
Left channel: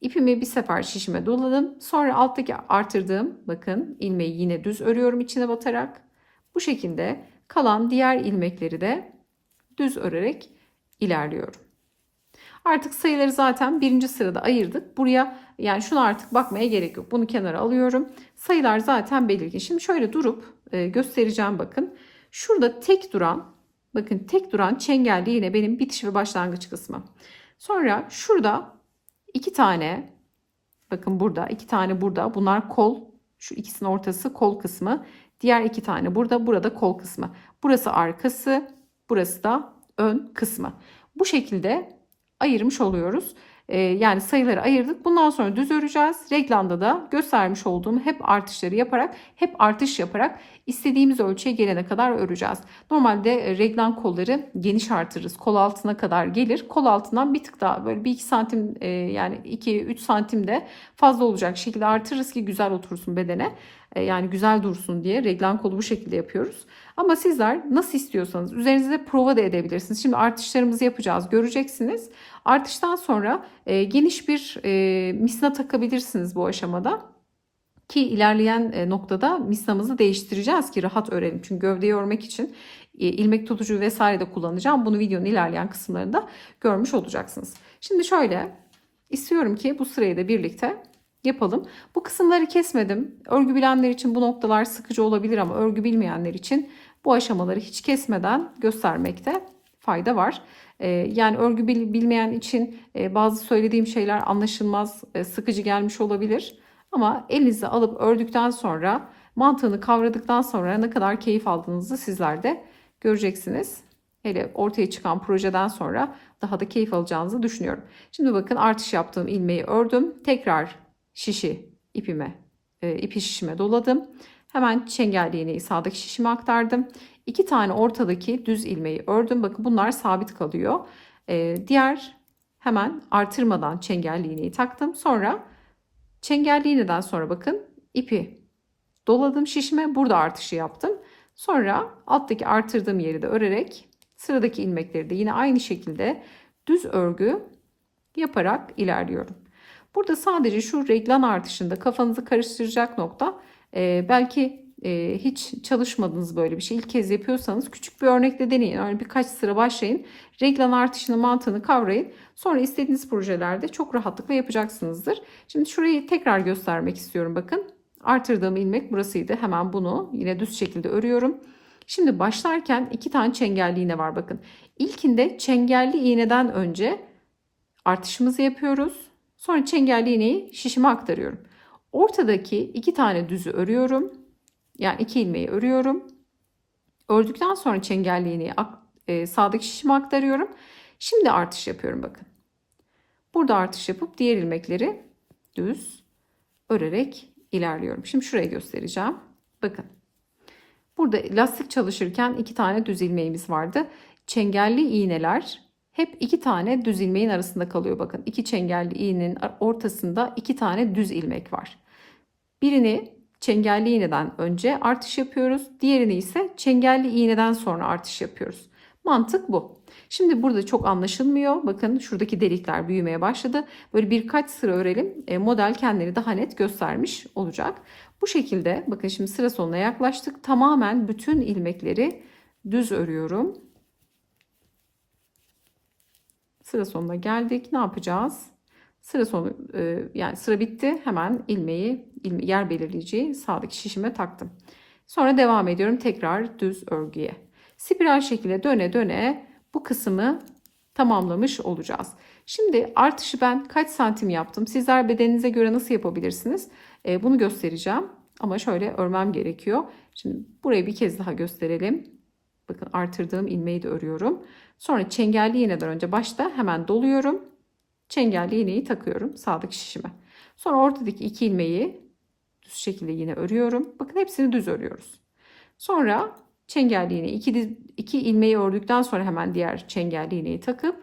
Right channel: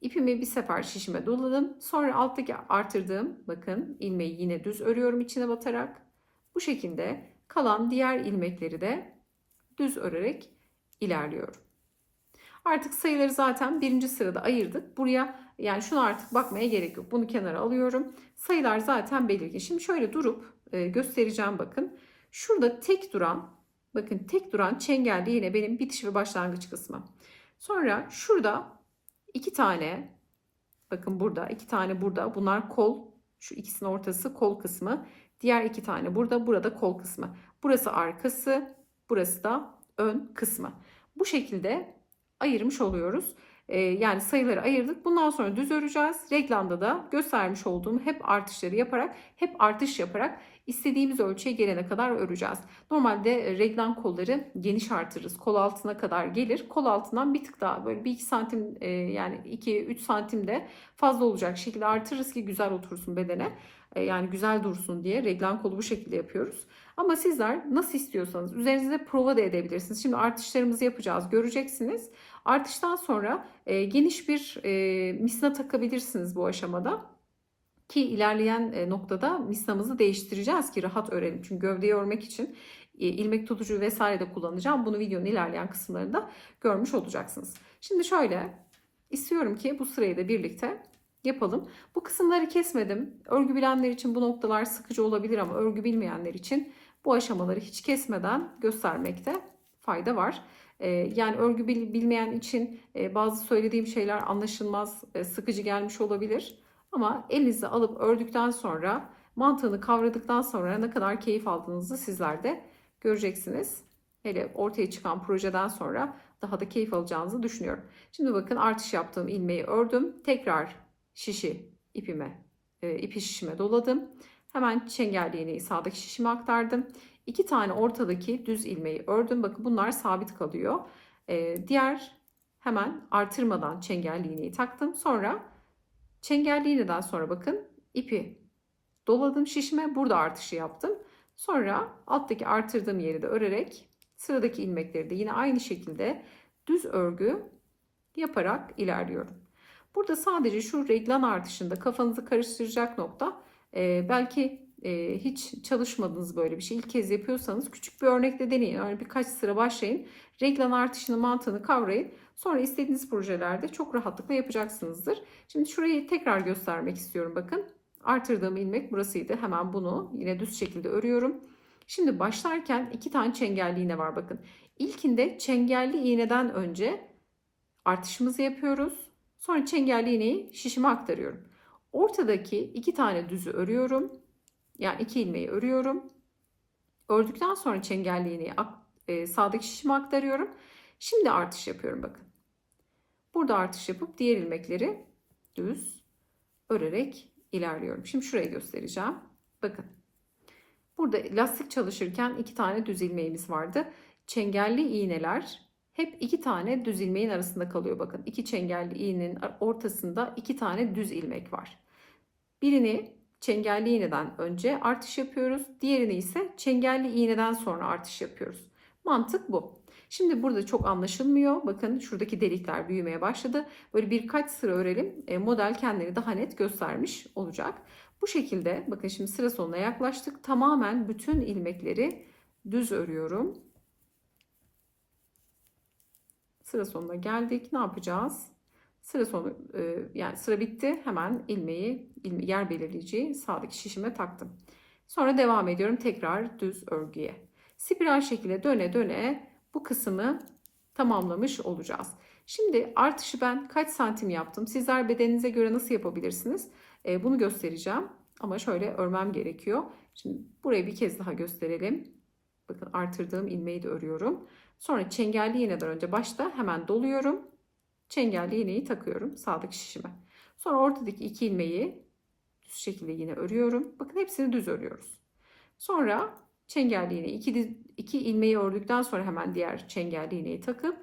İpimi bir sefer şişime doladım. Sonra alttaki artırdığım bakın ilmeği yine düz örüyorum içine batarak. Bu şekilde kalan diğer ilmekleri de düz örerek ilerliyorum. Artık sayıları zaten birinci sırada ayırdık. Buraya, yani şuna artık bakmaya gerek yok. Bunu kenara alıyorum. Sayılar zaten belirgin. Şimdi şöyle durup göstereceğim bakın. Şurada tek duran, bakın tek duran çengelli yine benim bitiş ve başlangıç kısmı. Sonra şurada 2 tane, bakın burada 2 tane, burada bunlar kol, şu ikisinin ortası kol kısmı. Diğer 2 tane burada kol kısmı. Burası arkası, burası da ön kısmı. Bu şekilde ayırmış oluyoruz. Yani sayıları ayırdık. Bundan sonra düz öreceğiz. Reglanda da göstermiş olduğum hep artışları yaparak, hep artış yaparak istediğimiz ölçüye gelene kadar öreceğiz. Normalde reglan kolları geniş artırırız. Kol altına kadar gelir. Kol altından bir tık daha böyle 1-2 santim yani 2-3 santim de fazla olacak şekilde artırırız ki güzel otursun bedene. Yani güzel dursun diye reglan kolu bu şekilde yapıyoruz. Ama sizler nasıl istiyorsanız üzerinizde prova da edebilirsiniz. Şimdi artışlarımızı yapacağız, göreceksiniz. Artıştan sonra geniş bir misina takabilirsiniz bu aşamada. Ki ilerleyen noktada misnamızı değiştireceğiz ki rahat örelim. Çünkü gövdeyi örmek için ilmek tutucu vesaire de kullanacağım. Bunu videonun ilerleyen kısımlarında görmüş olacaksınız. Şimdi şöyle istiyorum ki bu sırayı da birlikte yapalım. Bu kısımları kesmedim. Örgü bilenler için bu noktalar sıkıcı olabilir ama örgü bilmeyenler için bu aşamaları hiç kesmeden göstermekte fayda var. Yani örgü bilmeyen için bazı söylediğim şeyler anlaşılmaz, sıkıcı gelmiş olabilir. Ama elinize alıp ördükten sonra, mantığını kavradıktan sonra ne kadar keyif aldığınızı sizler de göreceksiniz. Hele ortaya çıkan projeden sonra daha da keyif alacağınızı düşünüyorum. Şimdi bakın artış yaptığım ilmeği ördüm. Tekrar ipi şişime doladım. Hemen çengelli iğneyi sağdaki şişime aktardım. 2 tane ortadaki düz ilmeği ördüm. Bakın bunlar sabit kalıyor. Diğer hemen artırmadan çengelli iğneyi taktım. Sonra çengelli iğneden sonra bakın ipi doladım şişime. Burada artışı yaptım. Sonra alttaki artırdığım yeri de örerek sıradaki ilmekleri de yine aynı şekilde düz örgü yaparak ilerliyorum. Burada sadece şu reglan artışında kafanızı karıştıracak nokta belki hiç çalışmadınız böyle bir şey. İlk kez yapıyorsanız küçük bir örnekle deneyin. Öyle birkaç sıra başlayın. Reglan artışının mantığını kavrayın. Sonra istediğiniz projelerde çok rahatlıkla yapacaksınızdır. Şimdi şurayı tekrar göstermek istiyorum. Bakın artırdığım ilmek burasıydı. Hemen bunu yine düz şekilde örüyorum. Şimdi başlarken 2 tane çengelli iğne var bakın. İlkinde çengelli iğneden önce artışımızı yapıyoruz. Sonra çengelli iğneyi şişime aktarıyorum. Ortadaki 2 tane düzü örüyorum. Yani 2 ilmeği örüyorum. Ördükten sonra çengelli iğneyi sağdaki şişime aktarıyorum. Şimdi artış yapıyorum bakın. Burada artış yapıp diğer ilmekleri düz örerek ilerliyorum. Şimdi şurayı göstereceğim. Bakın. Burada lastik çalışırken 2 tane düz ilmeğimiz vardı. Çengelli iğneler hep 2 tane düz ilmeğin arasında kalıyor. Bakın 2 çengelli iğnenin ortasında 2 tane düz ilmek var. Birini çengelli iğneden önce artış yapıyoruz. Diğerini ise çengelli iğneden sonra artış yapıyoruz. Mantık bu. Şimdi burada çok anlaşılmıyor. Bakın şuradaki delikler büyümeye başladı. Böyle birkaç sıra örelim. Model kendini daha net göstermiş olacak. Bu şekilde bakın şimdi sıra sonuna yaklaştık. Tamamen bütün ilmekleri düz örüyorum. Sıra sonuna geldik. Ne yapacağız? Sıra sonu yani sıra bitti. Hemen yer belirleyiciyi sağdaki şişime taktım. Sonra devam ediyorum tekrar düz örgüye. Spiral şekilde döne döne bu kısmı tamamlamış olacağız. Şimdi artışı ben kaç santim yaptım? Sizler bedeninize göre nasıl yapabilirsiniz? Bunu göstereceğim. Ama şöyle örmem gerekiyor. Şimdi burayı bir kez daha gösterelim. Bakın artırdığım ilmeği de örüyorum. Sonra çengelli iğneden önce başta hemen doluyorum. Çengelli iğneyi takıyorum sağdaki şişime. Sonra ortadaki 2 ilmeği düz şekilde yine örüyorum. Bakın hepsini düz örüyoruz. Sonra çengelli iğneyi 2 ilmeği ördükten sonra hemen diğer çengelli iğneyi takıp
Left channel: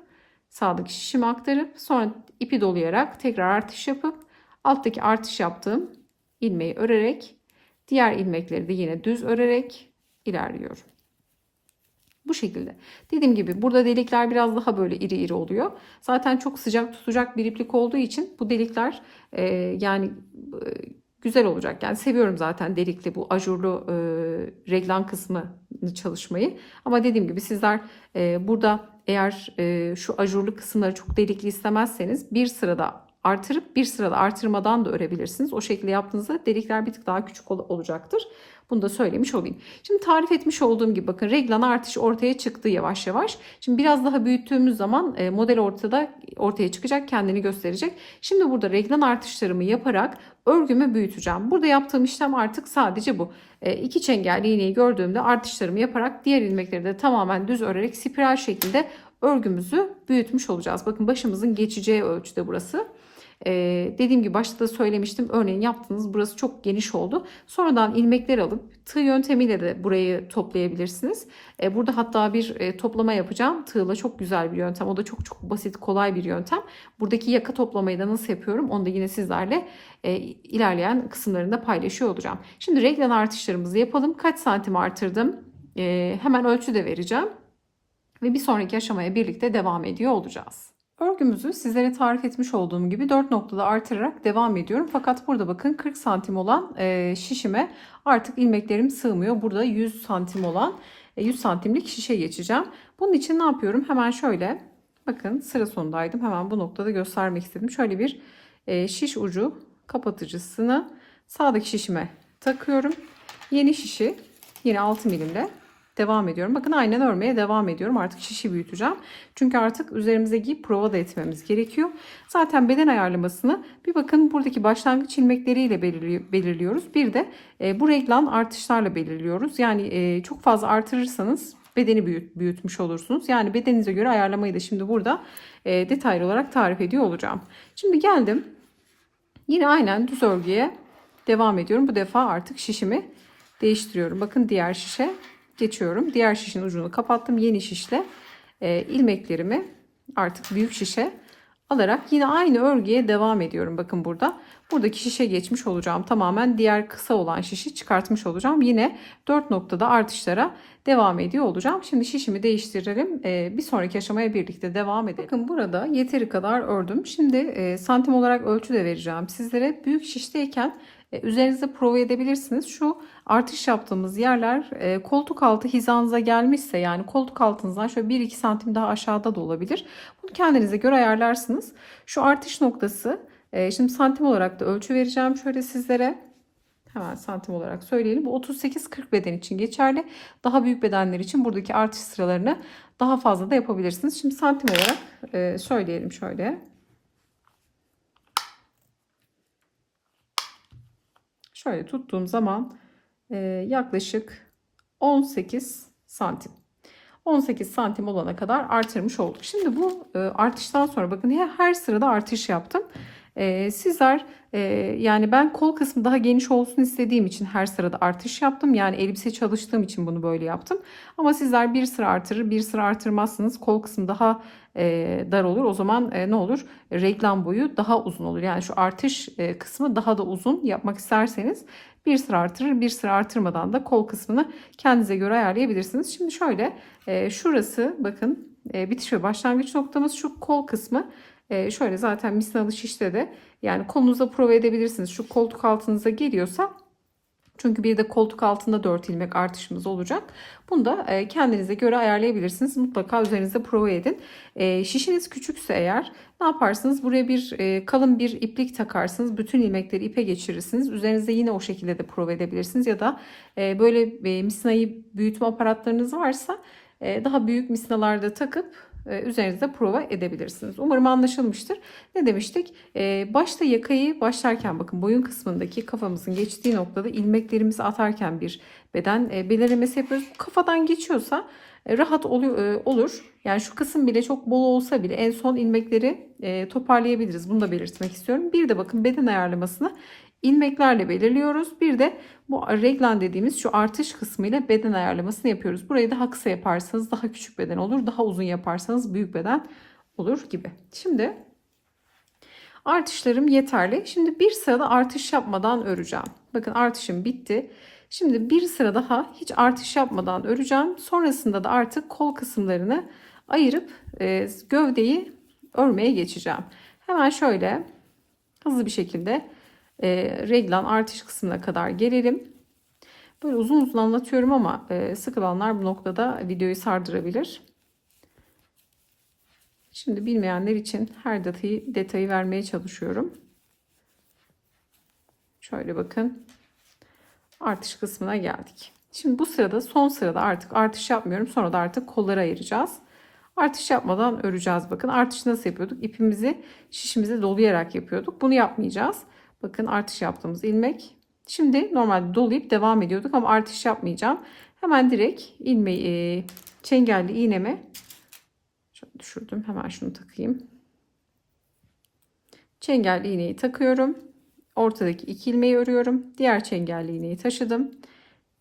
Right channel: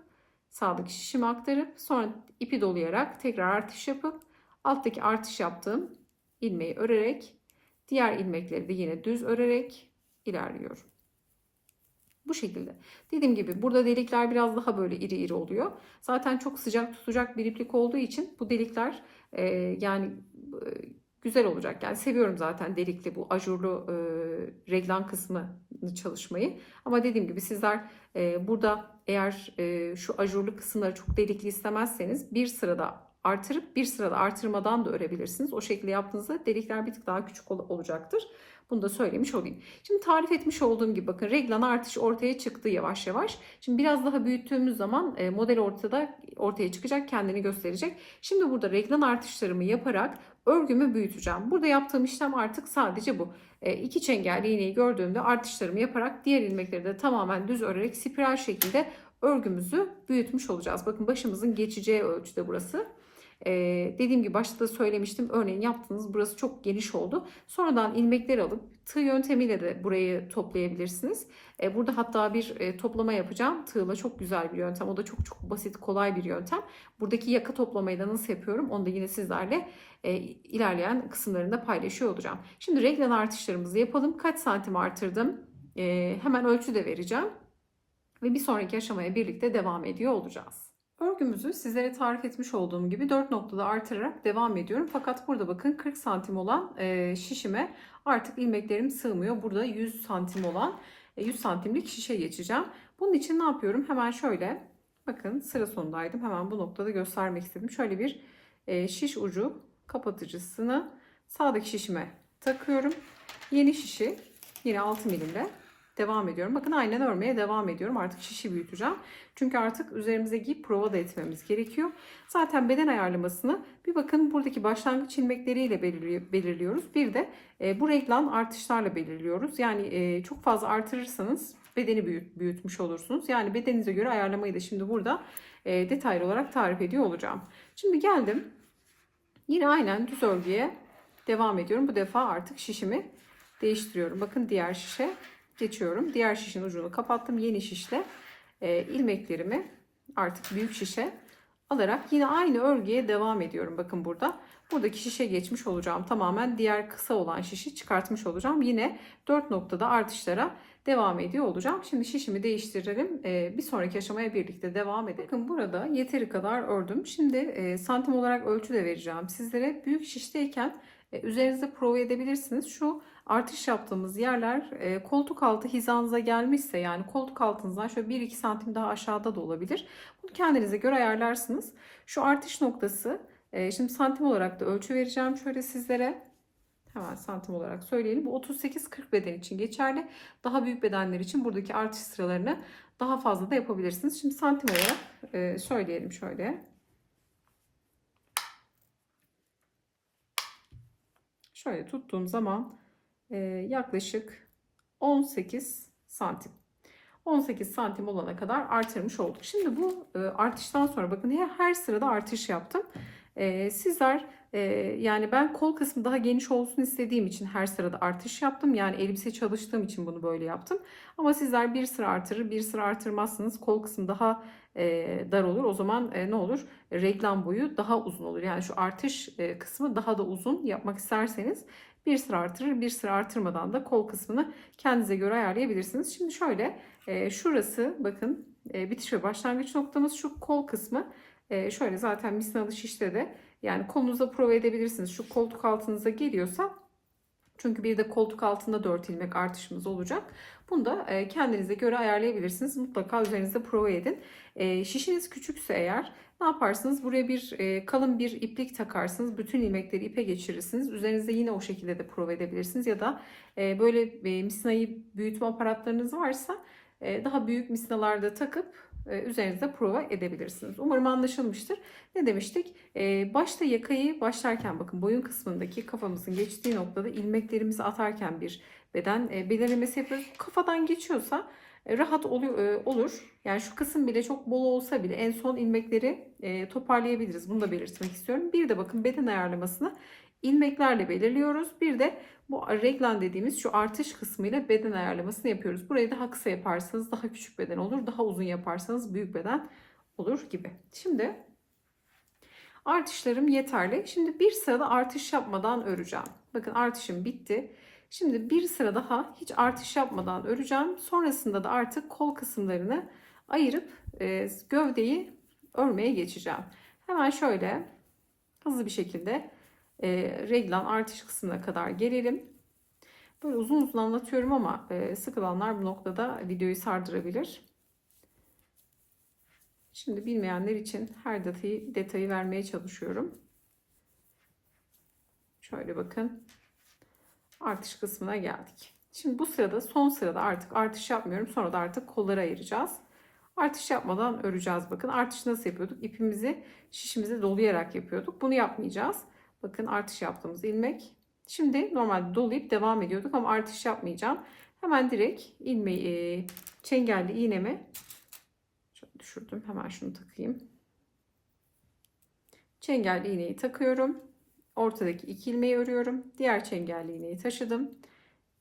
sağdaki şişime aktarıp sonra ipi dolayarak tekrar artış yapıp alttaki artış yaptığım ilmeği örerek diğer ilmekleri de yine düz örerek ilerliyorum. Bu şekilde. Dediğim gibi burada delikler biraz daha böyle iri iri oluyor. Zaten çok sıcak tutacak bir iplik olduğu için bu delikler yani güzel olacak. Yani seviyorum zaten delikli bu ajurlu reglan kısmı çalışmayı. Ama dediğim gibi sizler burada eğer şu ajurlu kısımları çok delikli istemezseniz bir sırada artırıp bir sırada artırmadan da örebilirsiniz. O şekilde yaptığınızda delikler bir tık daha küçük olacaktır. Bunu da söylemiş olayım. Şimdi tarif etmiş olduğum gibi bakın reglan artış ortaya çıktı yavaş yavaş. Şimdi biraz daha büyüttüğümüz zaman model ortaya çıkacak, kendini gösterecek. Şimdi burada reglan artışlarımı yaparak örgümü büyüteceğim. Burada yaptığım işlem artık sadece bu. 2 çengelli iğneyi gördüğümde artışlarımı yaparak diğer ilmekleri de tamamen düz örerek spiral şekilde örgümüzü büyütmüş olacağız. Bakın başımızın geçeceği ölçüde burası. Dediğim gibi başta da söylemiştim. Örneğin yaptınız, burası çok geniş oldu. Sonradan ilmekler alıp tığ yöntemiyle de burayı toplayabilirsiniz. Burada hatta bir toplama yapacağım. Tığla çok güzel bir yöntem. O da çok çok basit, kolay bir yöntem. Buradaki yaka toplamayı da nasıl yapıyorum? Onu da yine sizlerle ilerleyen kısımlarında paylaşıyor olacağım. Şimdi reglen artışlarımızı yapalım. Kaç santim artırdım? Hemen ölçü de vereceğim. Ve bir sonraki aşamaya birlikte devam ediyor olacağız. Örgümüzü sizlere tarif etmiş olduğum gibi 4 noktada artırarak devam ediyorum. Fakat burada bakın 40 santim olan şişime artık ilmeklerim sığmıyor. Burada 100 santim olan 100 santimlik şişe geçeceğim. Bunun için ne yapıyorum? Hemen şöyle, bakın sıra sonundaydım. Hemen bu noktada göstermek istedim. Şöyle bir şiş ucu kapatıcısını sağdaki şişime takıyorum. Yeni şişi yine 6 milimle devam ediyorum. Bakın aynen örmeye devam ediyorum. Artık şişi büyüteceğim. Çünkü artık üzerimize giyip prova da etmemiz gerekiyor. Zaten beden ayarlamasını bir bakın buradaki başlangıç ilmekleriyle belirliyoruz. Bir de bu reglan artışlarla belirliyoruz. Yani çok fazla artırırsanız bedeni büyütmüş olursunuz. Yani bedeninize göre ayarlamayı da şimdi burada detaylı olarak tarif ediyor olacağım. Şimdi geldim. Yine aynen düz örgüye devam ediyorum. Bu defa artık şişimi değiştiriyorum. Bakın diğer şişe geçiyorum. Diğer şişin ucunu kapattım. Yeni şişle ilmeklerimi artık büyük şişe alarak yine aynı örgüye devam ediyorum. Bakın burada. Buradaki şişe geçmiş olacağım. Tamamen diğer kısa olan şişi çıkartmış olacağım. Yine 4 noktada artışlara devam ediyor olacağım. Şimdi şişimi değiştirelim. Bir sonraki aşamaya birlikte devam edelim. Bakın burada yeteri kadar ördüm. Şimdi santim olarak ölçü de vereceğim sizlere. Büyük şişteyken üzerinize prova edebilirsiniz. Şu artış yaptığımız yerler koltuk altı hizanıza gelmişse, yani koltuk altınızdan şöyle 1-2 santim daha aşağıda da olabilir. Bunu kendinize göre ayarlarsınız. Şu artış noktası, şimdi santim olarak da ölçü vereceğim şöyle sizlere. Hemen santim olarak söyleyelim. Bu 38-40 beden için geçerli. Daha büyük bedenler için buradaki artış sıralarını daha fazla da yapabilirsiniz. Şimdi santim olarak söyleyelim şöyle. Şöyle tuttuğum zaman yaklaşık 18 santim. 18 santim olana kadar artırmış olduk. Şimdi bu artıştan sonra bakın her sırada artış yaptım. Sizler yani ben kol kısmı daha geniş olsun istediğim için her sırada artış yaptım. Yani elbise çalıştığım için bunu böyle yaptım. Ama sizler bir sıra artırır, bir sıra artırmazsınız. Kol kısmı daha dar olur. O zaman ne olur? Reklam boyu daha uzun olur. Yani şu artış kısmı daha da uzun yapmak isterseniz bir sıra artırır, bir sıra artırmadan da kol kısmını kendinize göre ayarlayabilirsiniz. Şimdi şöyle şurası bakın bitiş ve başlangıç noktamız, şu kol kısmı. Şöyle zaten misinalı şişte de yani kolunuza prova edebilirsiniz. Şu koltuk altınıza geliyorsa, çünkü bir de koltuk altında 4 ilmek artışımız olacak. Bunu da kendinize göre ayarlayabilirsiniz. Mutlaka üzerinizde prova edin. Şişiniz küçükse eğer ne yaparsınız? Buraya bir kalın bir iplik takarsınız. Bütün ilmekleri ipe geçirirsiniz. Üzerinizde yine o şekilde de prova edebilirsiniz. Ya da böyle misinayı büyütme aparatlarınız varsa daha büyük misinalarda takıp üzerinizde prova edebilirsiniz. Umarım anlaşılmıştır. Ne demiştik? Başta yakayı başlarken bakın boyun kısmındaki kafamızın geçtiği noktada ilmeklerimizi atarken bir beden belirlemesi yapıyoruz. Kafadan geçiyorsa rahat olur. Yani şu kısım bile çok bol olsa bile en son ilmekleri toparlayabiliriz. Bunu da belirtmek istiyorum. Bir de bakın beden ayarlamasını ilmeklerle belirliyoruz. Bir de bu reglan dediğimiz şu artış kısmıyla beden ayarlamasını yapıyoruz. Burayı daha kısa yaparsanız daha küçük beden olur. Daha uzun yaparsanız büyük beden olur gibi. Şimdi artışlarım yeterli. Şimdi bir sırada artış yapmadan öreceğim. Bakın artışım bitti. Şimdi bir sıra daha hiç artış yapmadan öreceğim. Sonrasında da artık kol kısımlarını ayırıp gövdeyi örmeye geçeceğim. Hemen şöyle hızlı bir şekilde reglan artış kısmına kadar gelelim. Böyle uzun uzun anlatıyorum ama sıkılanlar bu noktada videoyu sardırabilir. Şimdi bilmeyenler için her detayı vermeye çalışıyorum. Şöyle bakın. Artış kısmına geldik. Şimdi bu sırada, son sırada artık artış yapmıyorum. Sonra da artık kolları ayıracağız. Artış yapmadan öreceğiz. Bakın artış nasıl yapıyorduk? İpimizi şişimize dolayarak yapıyorduk. Bunu yapmayacağız. Bakın artış yaptığımız ilmek. Şimdi normalde dolayıp devam ediyorduk ama artış yapmayacağım. Hemen direkt ilmeği, çengelli iğnemi şöyle düşürdüm. Hemen şunu takayım. Çengelli iğneyi takıyorum. Ortadaki 2 ilmeği örüyorum. Diğer çengelli iğneyi taşıdım.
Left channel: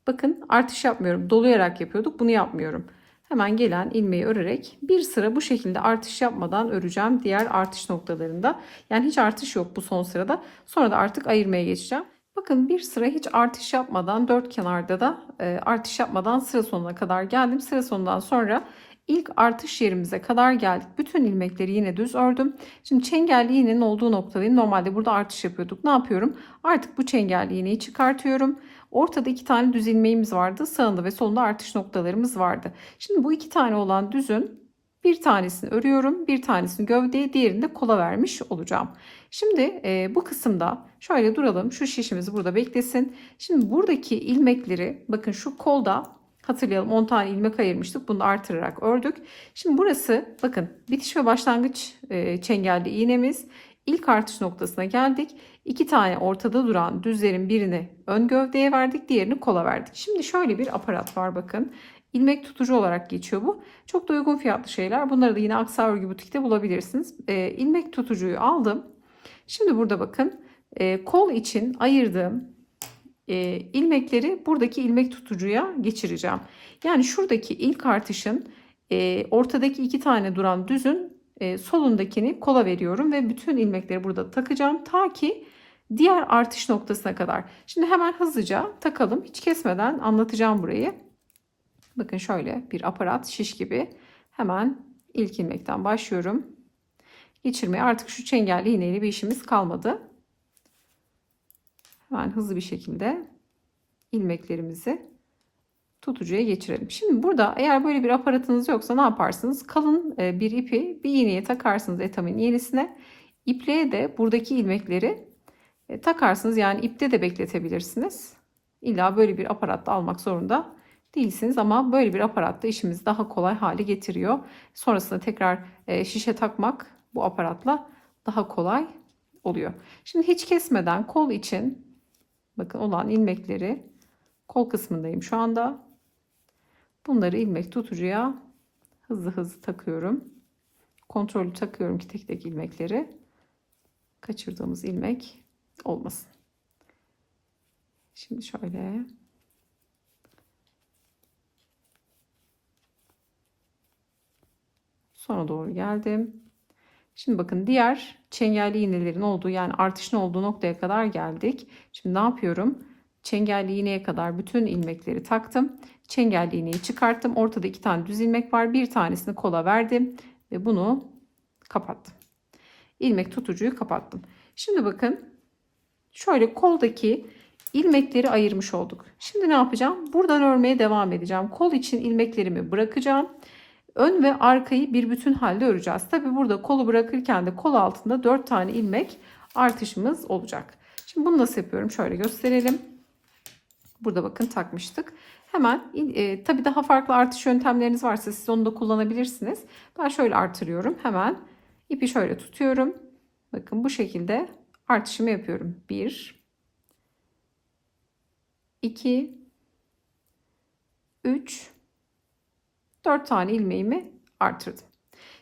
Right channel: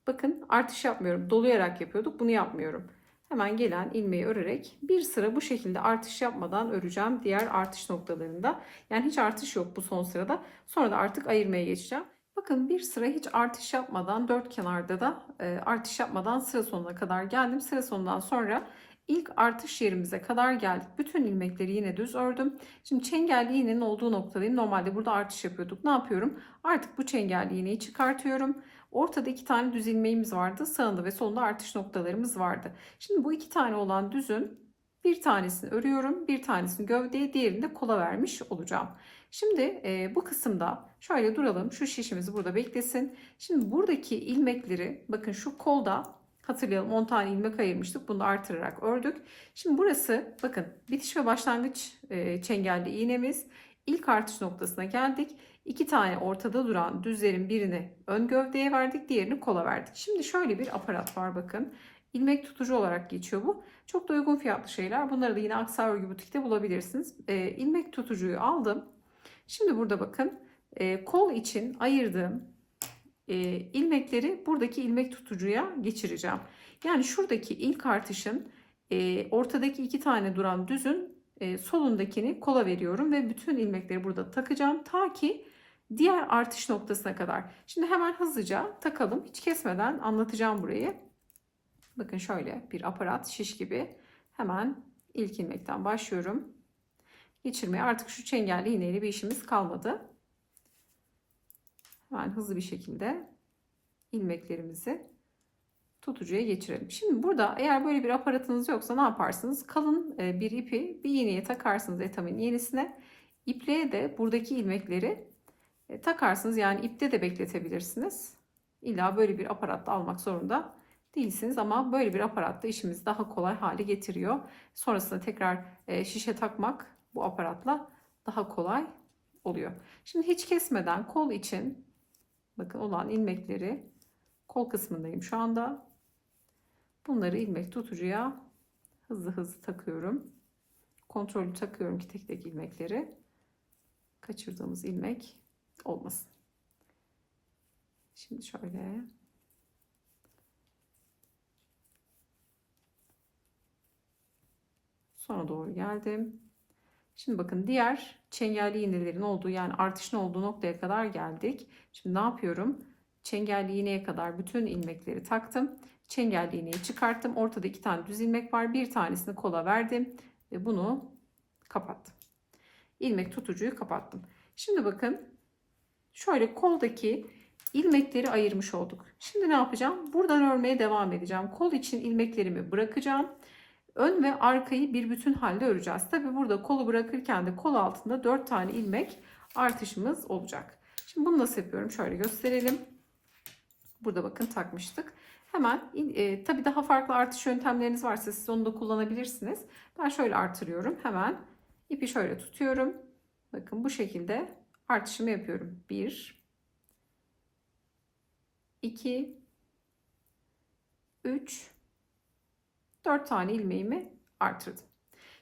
Bakın artış yapmıyorum. Dolayarak yapıyorduk. Bunu yapmıyorum. Hemen gelen ilmeği örerek bir sıra bu şekilde artış yapmadan öreceğim diğer artış noktalarında. Yani hiç artış yok bu son sırada. Sonra da artık ayırmaya geçeceğim. Bakın bir sıra hiç artış yapmadan dört kenarda da artış yapmadan sıra sonuna kadar geldim. Sıra sonundan sonra ilk artış yerimize kadar geldik. Bütün ilmekleri yine düz ördüm. Şimdi çengelli iğnenin olduğu noktadayım. Normalde burada artış yapıyorduk. Ne yapıyorum? Artık bu çengelli iğneyi çıkartıyorum. Ortada 2 tane düz ilmeğimiz vardı. Sağında ve solunda artış noktalarımız vardı. Şimdi bu 2 tane olan düzün bir tanesini örüyorum. Bir tanesini gövdeye, diğerini de kola vermiş olacağım. Şimdi bu kısımda şöyle duralım. Şu şişimiz burada beklesin. Şimdi buradaki ilmekleri bakın şu kolda hatırlayalım 10 tane ilmek ayırmıştık. Bunu artırarak ördük. Şimdi burası bakın bitiş ve başlangıç çengelli iğnemiz. İlk artış noktasına geldik. 2 tane ortada duran düzlerin birini ön gövdeye verdik, diğerini kola verdik. Şimdi şöyle bir aparat var bakın. İlmek tutucu olarak geçiyor bu. Çok da uygun fiyatlı şeyler. Bunları da yine Aksa Örgü Butik'te bulabilirsiniz. İlmek tutucuyu aldım. Şimdi burada bakın kol için ayırdığım ilmekleri buradaki ilmek tutucuya geçireceğim. Yani şuradaki ilk artışın ortadaki 2 tane duran düzün solundakini kola veriyorum ve bütün ilmekleri burada takacağım ta ki diğer artış noktasına kadar. Şimdi hemen hızlıca takalım. Hiç kesmeden anlatacağım burayı. Bakın şöyle bir aparat şiş gibi. Hemen ilk ilmekten başlıyorum. Geçirmeye artık şu çengelli iğneyle bir işimiz kalmadı. Hemen hızlı bir şekilde ilmeklerimizi tutucuya geçirelim. Şimdi burada eğer böyle bir aparatınız yoksa ne yaparsınız? Kalın bir ipi bir iğneye takarsınız etamin iğnesine. İpliğe de buradaki ilmekleri takarsınız. Yani ipte de bekletebilirsiniz. İlla böyle bir aparatta almak zorunda değilsiniz ama böyle bir aparatta işimizi daha kolay hale getiriyor. Sonrasında tekrar şişe takmak bu aparatla daha kolay oluyor. Şimdi hiç kesmeden kol için bakın olan ilmekleri kol kısmındayım şu anda. Bunları ilmek tutucuya hızlı hızlı takıyorum. Kontrollü takıyorum ki tek tek ilmekleri kaçırdığımız ilmek olmasın. Şimdi şöyle sona doğru geldim. Şimdi bakın diğer çengelli iğnelerin olduğu yani artışın olduğu noktaya kadar geldik. Şimdi ne yapıyorum? Çengelli iğneye kadar bütün ilmekleri taktım. Çengelli iğneyi çıkarttım. Ortada 2 tane düz ilmek var. Bir tanesini kola verdim ve bunu kapattım. İlmek tutucuyu kapattım. Şimdi bakın şöyle koldaki ilmekleri ayırmış olduk. Şimdi ne yapacağım? Buradan örmeye devam edeceğim. Kol için ilmeklerimi bırakacağım. Ön ve arkayı bir bütün halde öreceğiz. Tabi burada kolu bırakırken de kol altında 4 tane ilmek artışımız olacak. Şimdi bunu nasıl yapıyorum? Şöyle gösterelim. Burada bakın takmıştık. Hemen tabi daha farklı artış yöntemleriniz varsa siz onu da kullanabilirsiniz. Ben şöyle artırıyorum. Hemen ipi şöyle tutuyorum. Bakın bu şekilde artışımı yapıyorum. 1 2 3 4 tane ilmeğimi artırdım.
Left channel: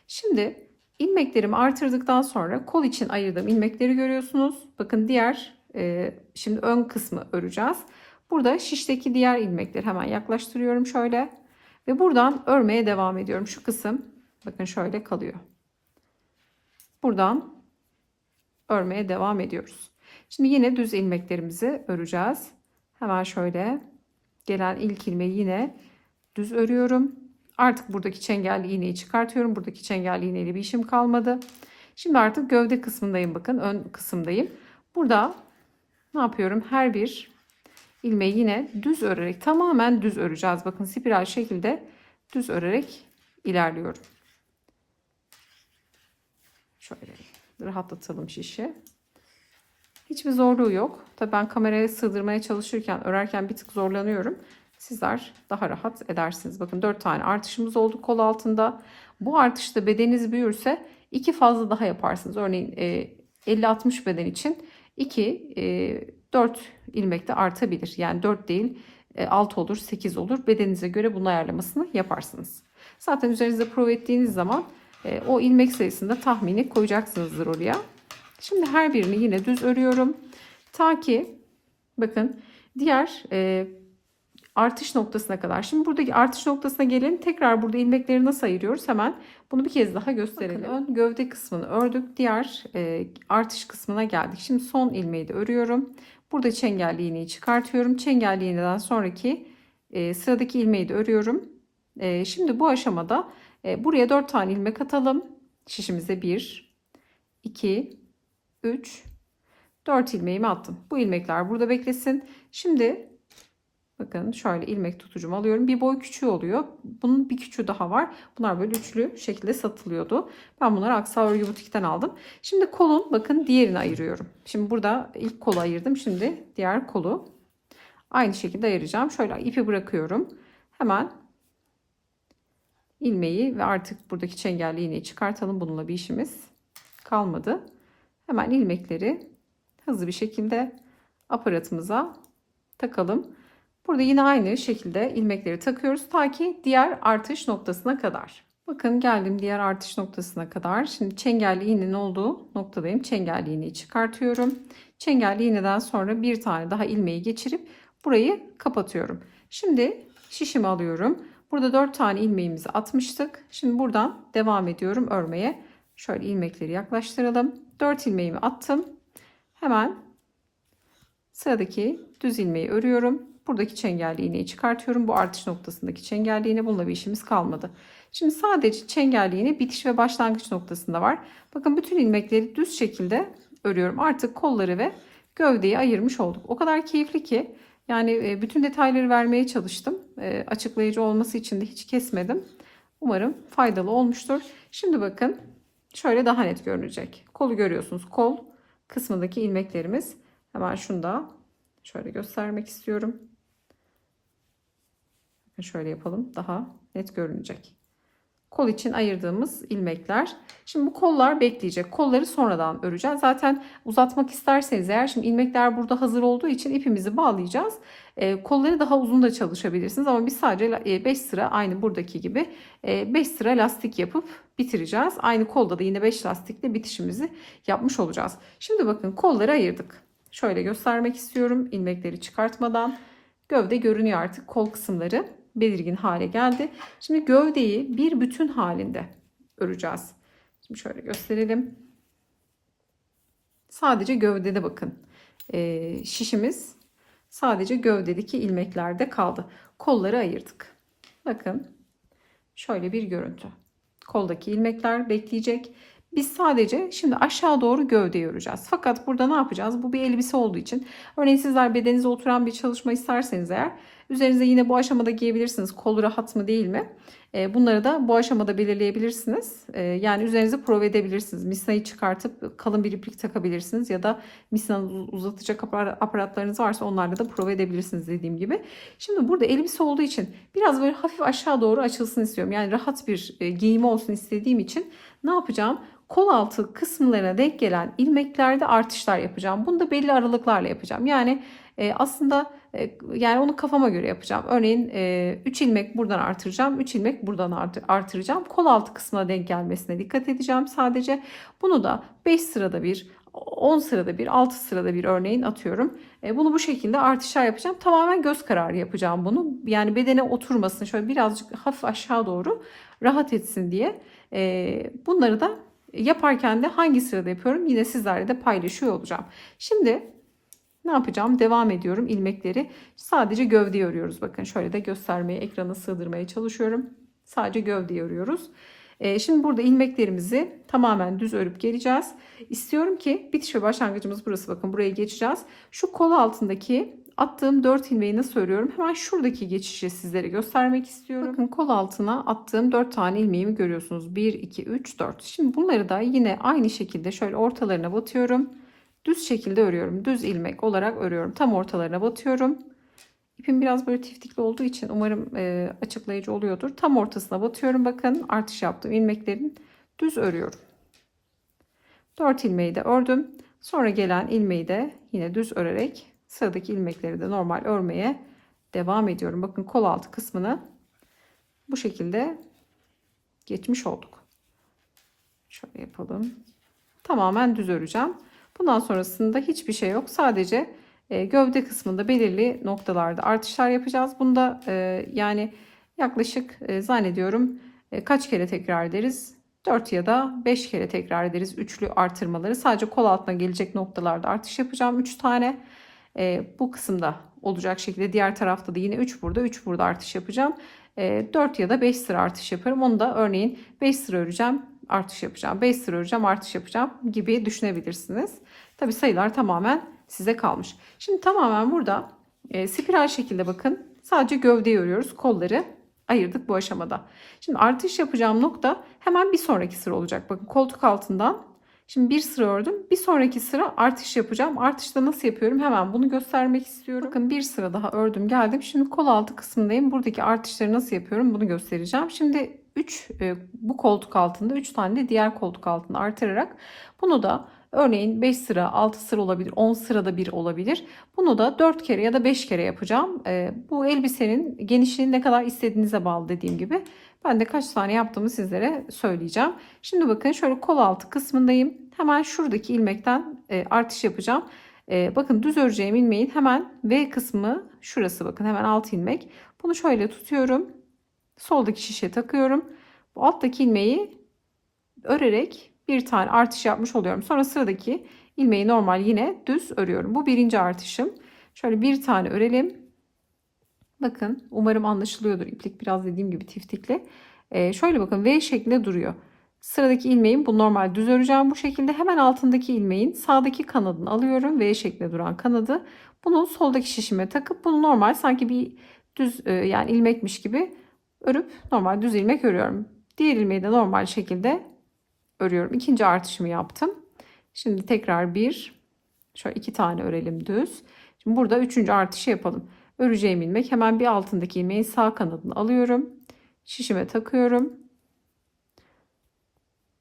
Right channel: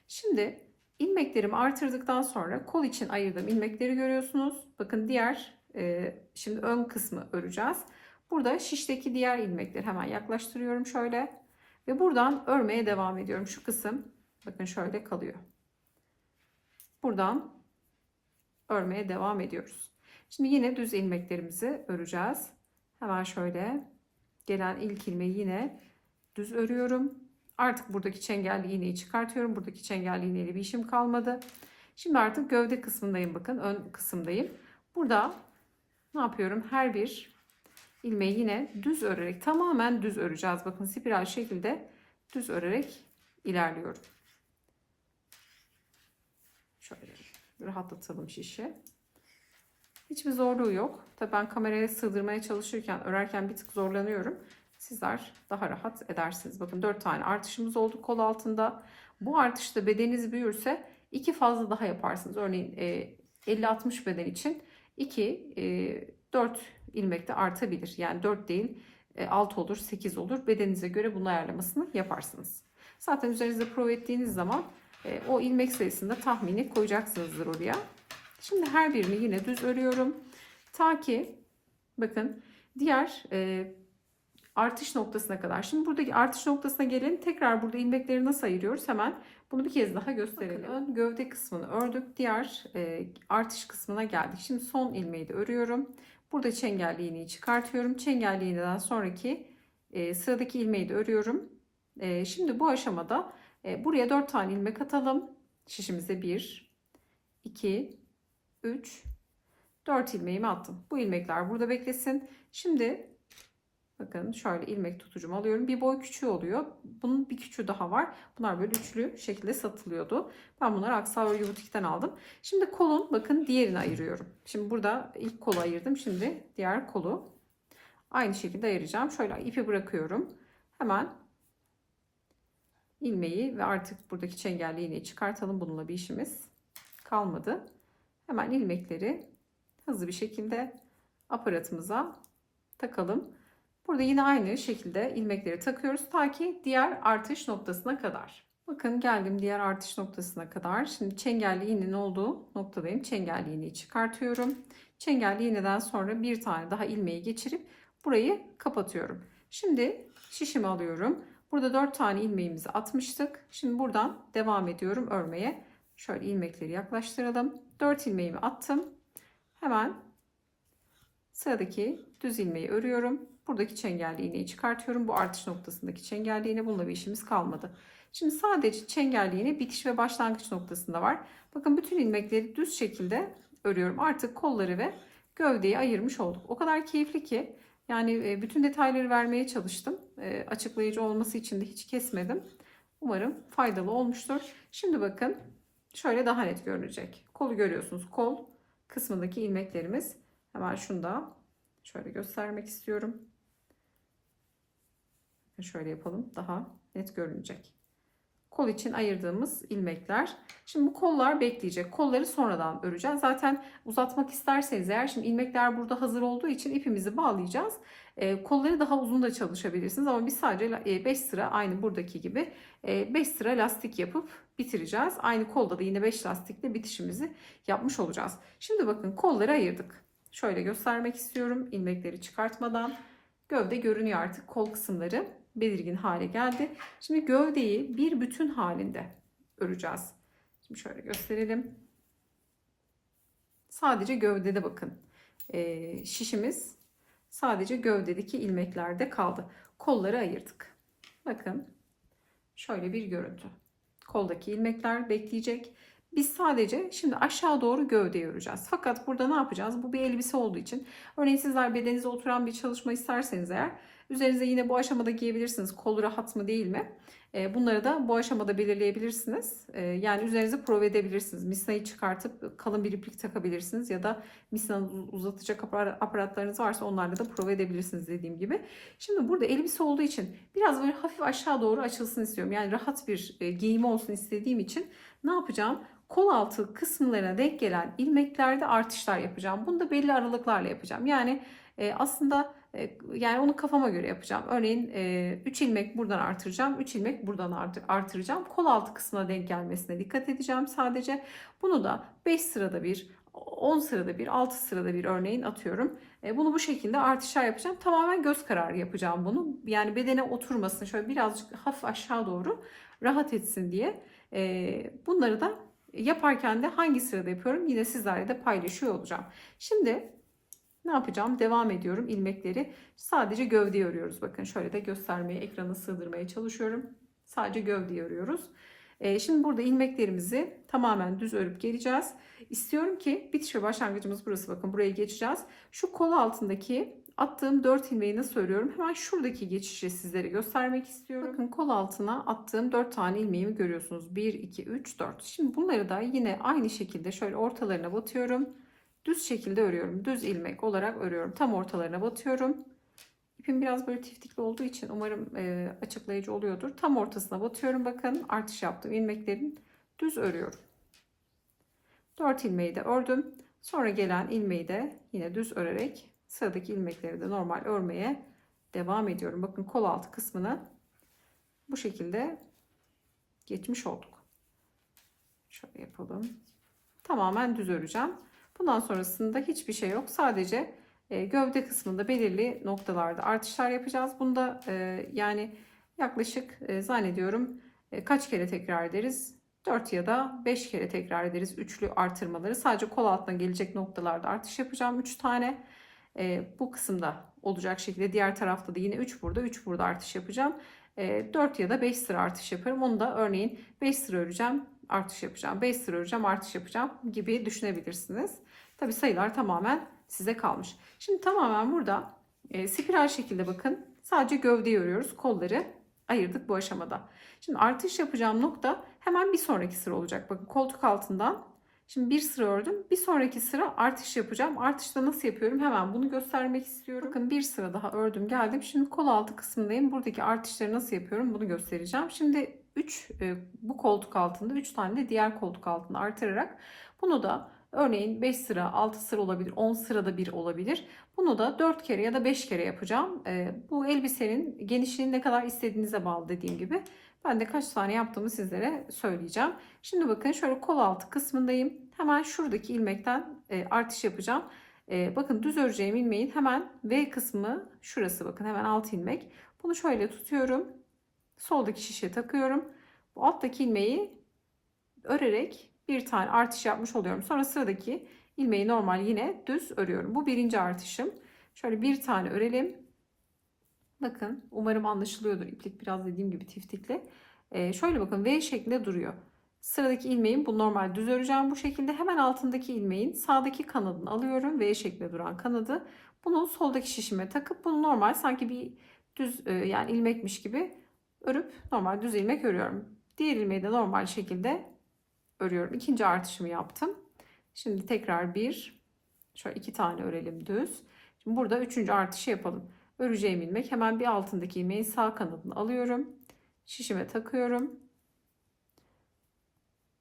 Şimdi ilmeklerimi artırdıktan sonra kol için ayırdığım ilmekleri görüyorsunuz. Bakın diğer şimdi ön kısmı öreceğiz. Burada şişteki diğer ilmekleri hemen yaklaştırıyorum şöyle. Ve buradan örmeye devam ediyorum. Şu kısım bakın şöyle kalıyor. Buradan örmeye devam ediyoruz. Şimdi yine düz ilmeklerimizi öreceğiz. Hemen şöyle gelen ilk ilmeği yine düz örüyorum. Artık buradaki çengelli iğneyi çıkartıyorum. Buradaki çengelli iğneyle bir işim kalmadı. Şimdi artık gövde kısmındayım bakın. Ön kısımdayım. Burada ne yapıyorum? Her bir ilmeği yine düz örerek tamamen düz öreceğiz. Bakın spiral şekilde düz örerek ilerliyorum. Şöyle rahatlatalım şişi. Hiçbir zorluğu yok. Tabii ben kameraya sığdırmaya çalışırken, örerken bir tık zorlanıyorum. Sizler daha rahat edersiniz. Bakın 4 tane artışımız oldu kol altında. Bu artışta bedeniniz büyürse 2 fazla daha yaparsınız. Örneğin 50-60 beden için 4 ilmek de artabilir. Yani 4 değil 6 olur 8 olur. Bedeninize göre bunun ayarlamasını yaparsınız. Zaten üzerinizde prova ettiğiniz zaman o ilmek sayısını da tahmini koyacaksınızdır oraya. Şimdi her birini yine düz örüyorum. Ta ki bakın diğer artış noktasına kadar. Şimdi buradaki artış noktasına gelelim. Tekrar burada ilmekleri nasıl ayırıyoruz? Hemen bunu bir kez daha gösterelim. Bakın, ön gövde kısmını ördük. Diğer artış kısmına geldik. Şimdi son ilmeği de örüyorum. Burada çengelli iğneyi çıkartıyorum. Çengelli iğneden sonraki sıradaki ilmeği de örüyorum. Şimdi bu aşamada buraya 4 tane ilmek atalım. Şişimize 1, 2, 3, 4 ilmeğimi attım. Bu ilmekler burada beklesin. Şimdi bakın şöyle ilmek tutucumu alıyorum. Bir boy küçüğü oluyor. Bunun bir küçüğü daha var. Bunlar böyle üçlü şekilde satılıyordu. Ben bunları Aksa Örgü Butik'ten aldım. Şimdi kolun bakın diğerini ayırıyorum. Şimdi burada ilk kolu ayırdım. Şimdi diğer kolu aynı şekilde ayıracağım. Şöyle ipi bırakıyorum. Hemen ilmeği ve artık buradaki çengelli iğneyi çıkartalım. Bununla bir işimiz kalmadı. Hemen ilmekleri hızlı bir şekilde aparatımıza takalım. Burada yine aynı şekilde ilmekleri takıyoruz ta ki diğer artış noktasına kadar. Bakın geldim diğer artış noktasına kadar. Şimdi çengelli iğnenin olduğu noktadayım. Çengelli iğneyi çıkartıyorum. Çengelli iğneden sonra bir tane daha ilmeği geçirip burayı kapatıyorum. Şimdi şişimi alıyorum. Burada 4 tane ilmeğimizi atmıştık. Şimdi buradan devam ediyorum örmeye. Şöyle ilmekleri yaklaştıralım. 4 ilmeğimi attım. Hemen sıradaki düz ilmeği örüyorum. Buradaki çengelli iğneyi çıkartıyorum. Bu artış noktasındaki çengelli iğne, bununla bir işimiz kalmadı. Şimdi sadece çengelli iğne bitiş ve başlangıç noktasında var. Bakın bütün ilmekleri düz şekilde örüyorum. Artık kolları ve gövdeyi ayırmış olduk. O kadar keyifli ki yani bütün detayları vermeye çalıştım. Açıklayıcı olması için de hiç kesmedim. Umarım faydalı olmuştur. Şimdi bakın şöyle daha net görünecek. Kolu görüyorsunuz. Kol kısmındaki ilmeklerimiz. Hemen şunu da şöyle göstermek istiyorum. Şöyle yapalım. Daha net görünecek. Kol için ayırdığımız ilmekler. Şimdi bu kollar bekleyecek. Kolları sonradan öreceğiz. Zaten uzatmak isterseniz eğer, şimdi ilmekler burada hazır olduğu için ipimizi bağlayacağız. Kolları daha uzun da çalışabilirsiniz ama biz sadece 5 sıra aynı buradaki gibi 5 sıra lastik yapıp bitireceğiz. Aynı kolda da yine 5 lastikle bitişimizi yapmış olacağız. Şimdi bakın kolları ayırdık. Şöyle göstermek istiyorum ilmekleri çıkartmadan. Gövde görünüyor artık, kol kısımları belirgin hale geldi. Şimdi gövdeyi bir bütün halinde öreceğiz. Şimdi şöyle gösterelim. Sadece gövdede bakın. Şişimiz sadece gövdedeki ilmeklerde kaldı. Kolları ayırdık. Bakın şöyle bir görüntü. Koldaki ilmekler bekleyecek. Biz sadece şimdi aşağı doğru gövdeyi öreceğiz. Fakat burada ne yapacağız? Bu bir elbise olduğu için. Örneğin sizler bedeninize oturan bir çalışma isterseniz eğer, üzerinize yine bu aşamada giyebilirsiniz. Kolu rahat mı değil mi? Bunları da bu aşamada belirleyebilirsiniz. Yani üzerinize prova edebilirsiniz. Misnayı çıkartıp kalın bir iplik takabilirsiniz ya da misnayı uzatacak aparatlarınız varsa onlarla da prova edebilirsiniz dediğim gibi. Şimdi burada elbise olduğu için biraz böyle hafif aşağı doğru açılsın istiyorum. Yani rahat bir giyimi olsun istediğim için ne yapacağım? Kol altı kısımlarına denk gelen ilmeklerde artışlar yapacağım. Bunu da belli aralıklarla yapacağım. Yani aslında yani onu kafama göre yapacağım. Örneğin 3 ilmek buradan artıracağım. 3 ilmek buradan artıracağım. Kol altı kısmına denk gelmesine dikkat edeceğim sadece. Bunu da 5 sırada bir, 10 sırada bir, 6 sırada bir örneğin atıyorum. Bunu bu şekilde artışlar yapacağım. Tamamen göz kararı yapacağım bunu. Yani bedene oturmasın. Şöyle birazcık hafif aşağı doğru rahat etsin diye. Bunları da yaparken de hangi sırada yapıyorum yine sizlerle de paylaşıyor olacağım. Şimdi ne yapacağım? Devam ediyorum ilmekleri. Sadece gövdeyi örüyoruz. Bakın şöyle de göstermeye, ekrana sığdırmaya çalışıyorum. Sadece gövdeyi örüyoruz. Şimdi burada ilmeklerimizi tamamen düz örüp geleceğiz. İstiyorum ki bitiş ve başlangıcımız burası. Bakın buraya geçeceğiz. Şu kol altındaki attığım 4 ilmeği nasıl örüyorum? Hemen şuradaki geçişi sizlere göstermek istiyorum. Bakın kol altına attığım 4 tane ilmeğimi görüyorsunuz. 1, 2, 3, 4. Şimdi bunları da yine aynı şekilde şöyle ortalarına batıyorum. Düz şekilde örüyorum. Düz ilmek olarak örüyorum. Tam ortalarına batıyorum. İpim biraz böyle tiftikli olduğu için umarım açıklayıcı oluyordur. Tam ortasına batıyorum. Bakın artış yaptım. İlmeklerin düz örüyorum. 4 ilmeği de ördüm. Sonra gelen ilmeği de yine düz örerek sıradaki ilmekleri de normal örmeye devam ediyorum. Bakın kol altı kısmını bu şekilde geçmiş olduk. Şöyle yapalım. Tamamen düz öreceğim. Bundan sonrasında hiçbir şey yok. Sadece gövde kısmında belirli noktalarda artışlar yapacağız. Bunda yani yaklaşık zannediyorum kaç kere tekrar ederiz? 4 ya da 5 kere tekrar ederiz üçlü artırmaları. Sadece kol altına gelecek noktalarda artış yapacağım 3 tane. Bu kısımda olacak şekilde, diğer tarafta da yine 3 burada 3 burada artış yapacağım. 4 ya da 5 sıra artış yaparım. Onu da örneğin 5 sıra öreceğim, artış yapacağım. 5 sıra öreceğim, artış yapacağım gibi düşünebilirsiniz. Tabi sayılar tamamen size kalmış. Şimdi tamamen burada spiral şekilde bakın. Sadece gövdeyi örüyoruz. Kolları ayırdık bu aşamada. Şimdi artış yapacağım nokta hemen bir sonraki sıra olacak. Bakın koltuk altından şimdi bir sıra ördüm. Bir sonraki sıra artış yapacağım. Artışta nasıl yapıyorum? Hemen bunu göstermek istiyorum. Bakın bir sıra daha ördüm geldim. Şimdi kol altı kısmındayım. Buradaki artışları nasıl yapıyorum? Bunu göstereceğim. Şimdi 3 bu koltuk altında 3 tane de diğer koltuk altında artırarak bunu da örneğin 5 sıra 6 sıra olabilir. 10 sırada bir olabilir. Bunu da 4 kere ya da 5 kere yapacağım. Bu elbisenin genişliğini ne kadar istediğinize bağlı dediğim gibi. Ben de kaç tane yaptığımı sizlere söyleyeceğim. Şimdi bakın şöyle kol altı kısmındayım. Hemen şuradaki ilmekten artış yapacağım. Bakın düz öreceğim ilmeğin hemen V kısmı şurası, bakın hemen alt ilmek. Bunu şöyle tutuyorum. Soldaki şişe takıyorum. Bu alttaki ilmeği örerek bir tane artış yapmış oluyorum. Sonra sıradaki ilmeği normal yine düz örüyorum. Bu birinci artışım. Şöyle bir tane örelim. Bakın umarım anlaşılıyordur. İplik biraz dediğim gibi tiftikli. Şöyle bakın V şeklinde duruyor. Sıradaki ilmeğin bu normal düz öreceğim bu şekilde. Hemen altındaki ilmeğin sağdaki kanadını alıyorum. V şeklinde duran kanadı. Bunu soldaki şişime takıp bunu normal sanki bir düz yani ilmekmiş gibi örüp normal düz ilmek örüyorum. Diğer ilmeği de normal şekilde örüyorum. İkinci artışımı yaptım. Şimdi tekrar bir, şöyle iki tane örelim düz. Şimdi burada üçüncü artışı yapalım. Öreceğim ilmek hemen bir altındaki ilmeğin sağ kanadını alıyorum. Şişime takıyorum.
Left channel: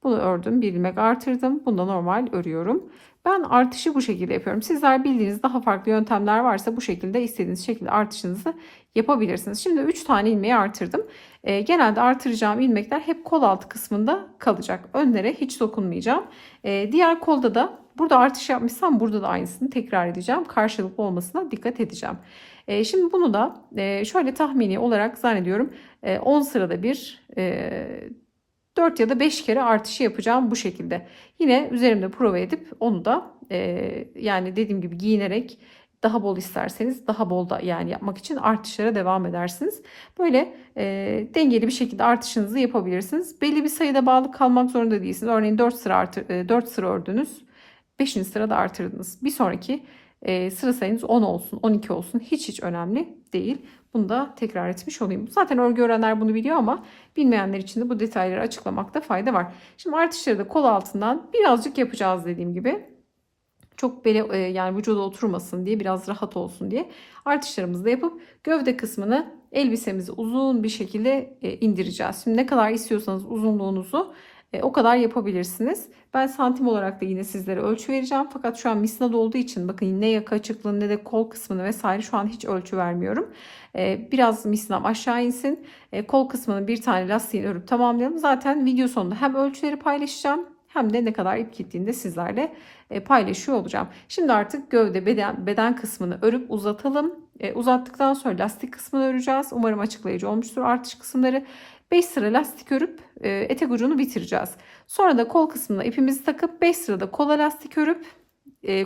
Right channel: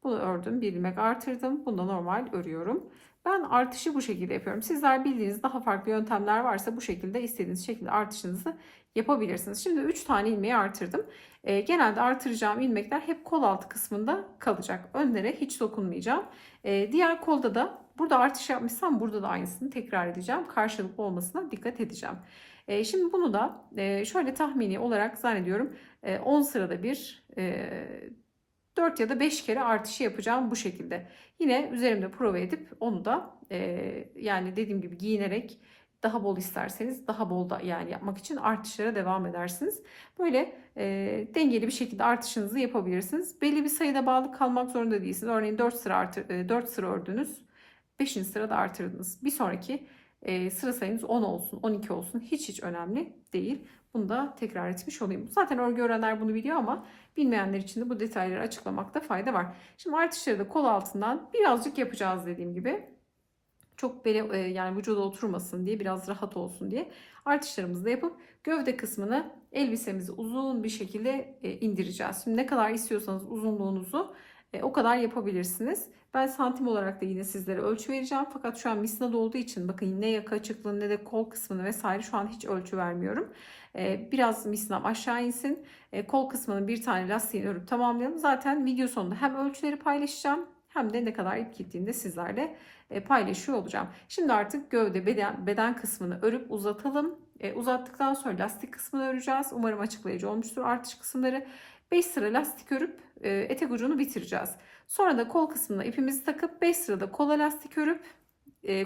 Bunu ördüm. Bir ilmek artırdım. Bunu da normal örüyorum. Ben artışı bu şekilde yapıyorum. Sizler bildiğiniz daha farklı yöntemler varsa bu şekilde istediğiniz şekilde artışınızı yapabilirsiniz. Şimdi 3 tane ilmeği artırdım. Genelde artıracağım ilmekler hep kol altı kısmında kalacak. Önlere hiç dokunmayacağım. Diğer kolda da burada artış yapmışsam burada da aynısını tekrar edeceğim. Karşılıklı olmasına dikkat edeceğim. Şimdi bunu da şöyle tahmini olarak zannediyorum 10 sırada bir 4 ya da 5 kere artışı yapacağım bu şekilde. Yine üzerimde prova edip onu da yani dediğim gibi giyinerek daha bol isterseniz daha bol da yani yapmak için artışlara devam edersiniz. Böyle dengeli bir şekilde artışınızı yapabilirsiniz. Belli bir sayıda bağlı kalmak zorunda değilsiniz. Örneğin 4 sıra 4 sıra ördünüz. 5. sırada artırdınız. Bir sonraki sıra sayınız 10 olsun, 12 olsun. Hiç önemli değil. Bunu da tekrar etmiş olayım. Zaten örgü öğrenenler bunu biliyor ama bilmeyenler için de bu detayları açıklamakta fayda var. Şimdi artışları da kol altından birazcık yapacağız dediğim gibi. Çok böyle yani vücuda oturmasın diye, biraz rahat olsun diye artışlarımızı da yapıp gövde kısmını elbisemizi uzun bir şekilde indireceğiz. Şimdi ne kadar istiyorsanız uzunluğunuzu o kadar yapabilirsiniz. Ben santim olarak da yine sizlere ölçü vereceğim. Fakat şu an misnad olduğu için bakın ne yaka açıklığını ne de kol kısmını vesaire şu an hiç ölçü vermiyorum. Biraz misnam aşağı insin. Kol kısmının bir tane lastiğini örüp tamamlayalım. Zaten video sonunda hem ölçüleri paylaşacağım hem de ne kadar ip gittiğini de sizlerle paylaşıyor olacağım. Şimdi artık gövde beden kısmını örüp uzatalım. Uzattıktan sonra lastik kısmını öreceğiz. Umarım açıklayıcı olmuştur artış kısımları. 5 sıra lastik örüp etek ucunu bitireceğiz. Sonra da kol kısmına ipimizi takıp 5 sırada kola lastik örüp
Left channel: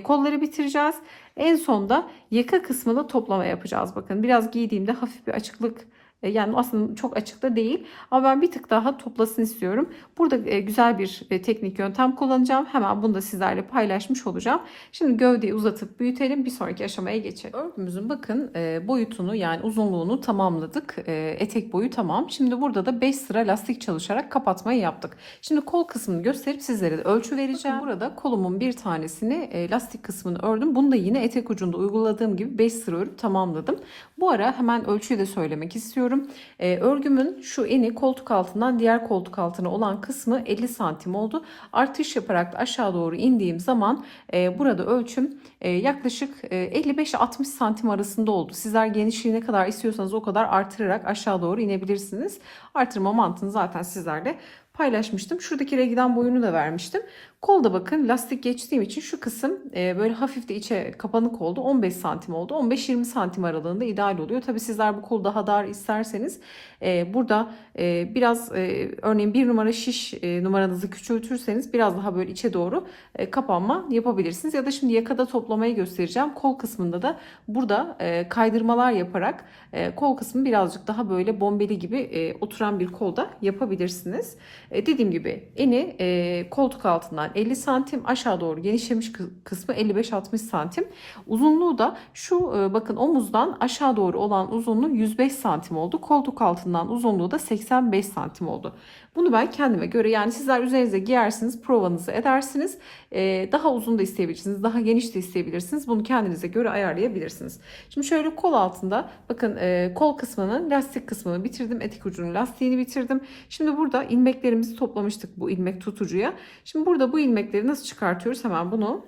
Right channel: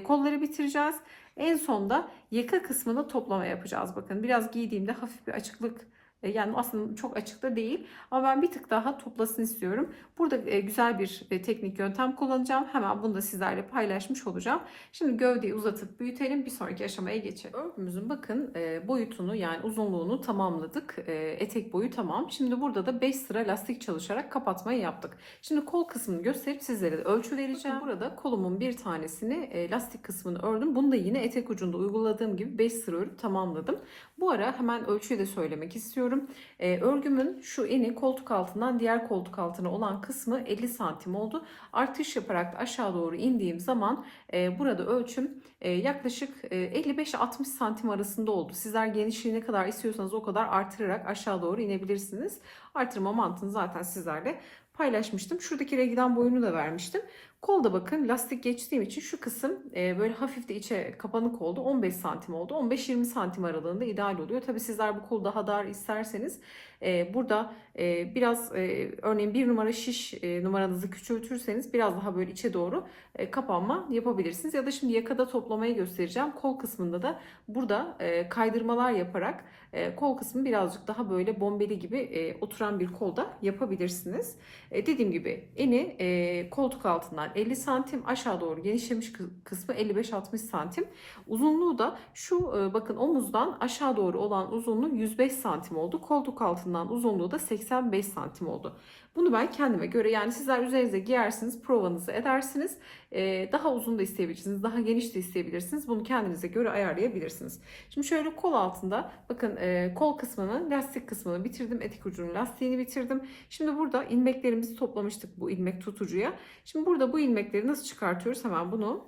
kolları bitireceğiz. En sonda yaka kısmında toplama yapacağız. Bakın biraz giydiğimde hafif bir açıklık yani aslında çok açık da değil ama ben bir tık daha toplasın istiyorum. Burada güzel bir teknik yöntem kullanacağım. Hemen bunu da sizlerle paylaşmış olacağım. Şimdi gövdeyi uzatıp büyütelim. Bir sonraki aşamaya geçelim. Örgümüzün bakın boyutunu yani uzunluğunu tamamladık. Etek boyu tamam. Şimdi burada da 5 sıra lastik çalışarak kapatmayı yaptık. Şimdi kol kısmını gösterip sizlere de ölçü vereceğim. Burada kolumun bir tanesini lastik kısmını ördüm. Bunu da yine etek ucunda uyguladığım gibi 5 sıra örüp tamamladım. Bu ara hemen ölçüyü de söylemek istiyorum. Örgümün şu eni koltuk altından diğer koltuk altına olan kısmı 50 santim oldu. Artış yaparak da aşağı doğru indiğim zaman burada ölçüm yaklaşık 55-60 santim arasında oldu. Sizler genişliği ne kadar istiyorsanız o kadar artırarak aşağı doğru inebilirsiniz. Artırma mantığını zaten sizlerle paylaşmıştım. Şuradaki reglen boyunu da vermiştim. Kolda bakın lastik geçtiğim için şu kısım böyle hafif de içe kapanık oldu. 15 santim oldu. 15-20 santim aralığında ideal oluyor. Tabi sizler bu kolu daha dar isterseniz burada biraz örneğin bir numara şiş numaranızı küçültürseniz biraz daha böyle içe doğru kapanma yapabilirsiniz. Ya da şimdi yakada toplamayı göstereceğim. Kol kısmında da burada kaydırmalar yaparak kol kısmı birazcık daha böyle bombeli gibi oturan bir kolda yapabilirsiniz. Dediğim gibi eni koltuk altından 50 santim, aşağı doğru genişlemiş kısmı 55-60 santim. Uzunluğu da şu bakın omuzdan aşağı doğru olan uzunluğu 105 santim oldu. Koltuk altından uzunluğu da 85 santim oldu. Bunu ben kendime göre, yani sizler üzerinize giyersiniz, provanızı edersiniz. Daha uzun da isteyebilirsiniz, daha geniş de isteyebilirsiniz. Bunu kendinize göre ayarlayabilirsiniz. Şimdi şöyle kol altında bakın kol kısmının lastik kısmını bitirdim. Etek ucunun lastiğini bitirdim. Şimdi burada ilmeklerimizi toplamıştık bu ilmek tutucuya. Şimdi burada bu ilmekleri nasıl çıkartıyoruz? Hemen bunu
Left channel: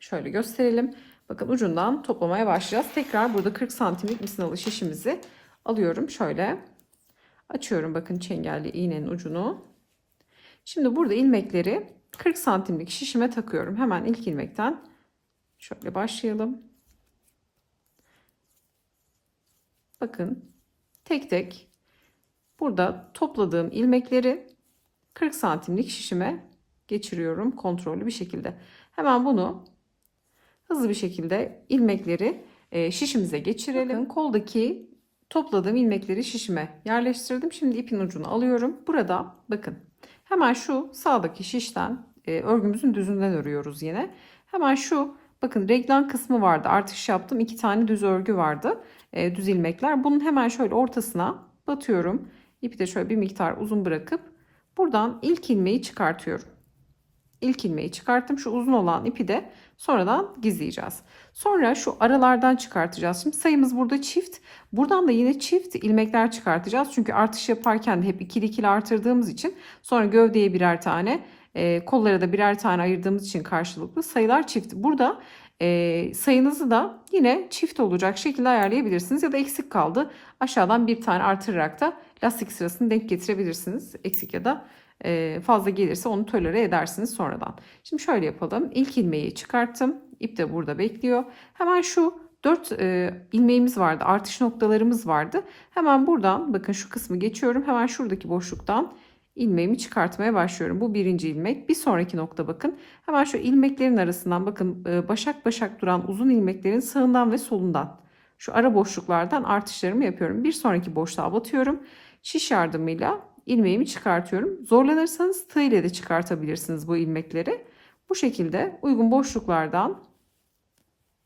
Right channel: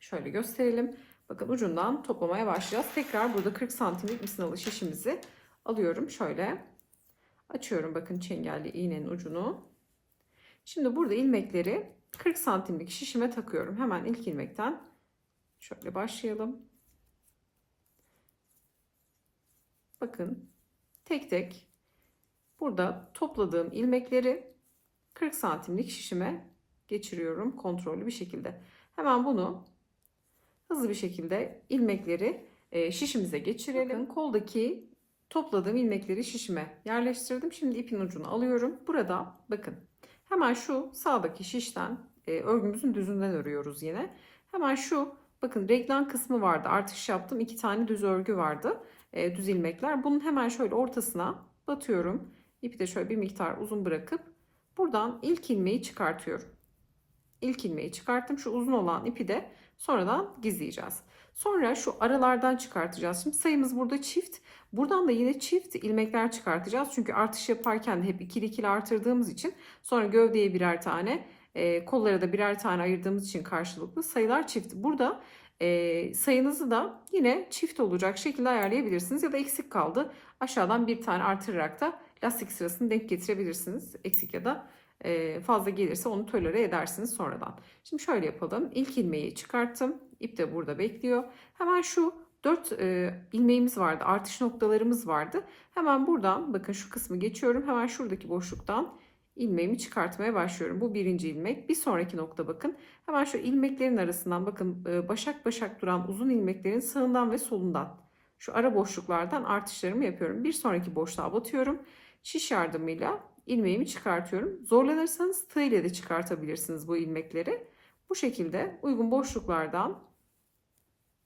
şöyle gösterelim. Bakın ucundan toplamaya başlayacağız. Tekrar burada 40 santimlik misinalı şişimizi alıyorum. Şöyle açıyorum bakın çengelli iğnenin ucunu. Şimdi burada ilmekleri 40 santimlik şişime takıyorum. Hemen ilk ilmekten şöyle başlayalım. Bakın tek tek burada topladığım ilmekleri 40 santimlik şişime geçiriyorum kontrollü bir şekilde. Hemen bunu hızlı bir şekilde ilmekleri şişimize geçirelim. Bakın koldaki topladığım ilmekleri şişime yerleştirdim. Şimdi ipin ucunu alıyorum. Burada bakın hemen şu sağdaki şişten örgümüzün düzünden örüyoruz yine. Hemen şu bakın reglan kısmı vardı. Artış yaptım. 2 tane düz örgü vardı. Düz ilmekler. Bunun hemen şöyle ortasına batıyorum. İpi de şöyle bir miktar uzun bırakıp buradan ilk ilmeği çıkartıyorum. İlk ilmeği çıkarttım. Şu uzun olan ipi de sonradan gizleyeceğiz. Sonra şu aralardan çıkartacağız. Şimdi sayımız burada çift. Buradan da yine çift ilmekler çıkartacağız. Çünkü artış yaparken de hep ikili ikili artırdığımız için sonra gövdeye birer tane, kollara da birer tane ayırdığımız için karşılıklı sayılar çift. Burada sayınızı da yine çift olacak şekilde ayarlayabilirsiniz. Ya da eksik kaldı, aşağıdan bir tane artırarak da lastik sırasını denk getirebilirsiniz. Eksik ya da fazla gelirse onu tolere edersiniz sonradan. Şimdi şöyle yapalım. İlk ilmeği çıkarttım. İp de burada bekliyor. Hemen şu 4 ilmeğimiz vardı. Artış noktalarımız vardı. Hemen buradan bakın şu kısmı geçiyorum. Hemen şuradaki boşluktan ilmeğimi çıkartmaya başlıyorum. Bu birinci ilmek. Bir sonraki nokta bakın. Hemen şu ilmeklerin arasından bakın başak başak duran uzun ilmeklerin sağından ve solundan şu ara boşluklardan artışlarımı yapıyorum. Bir sonraki boşluğa batıyorum. Şiş yardımıyla ilmeğimi çıkartıyorum. Zorlanırsanız tığ ile de çıkartabilirsiniz bu ilmekleri. Bu şekilde uygun boşluklardan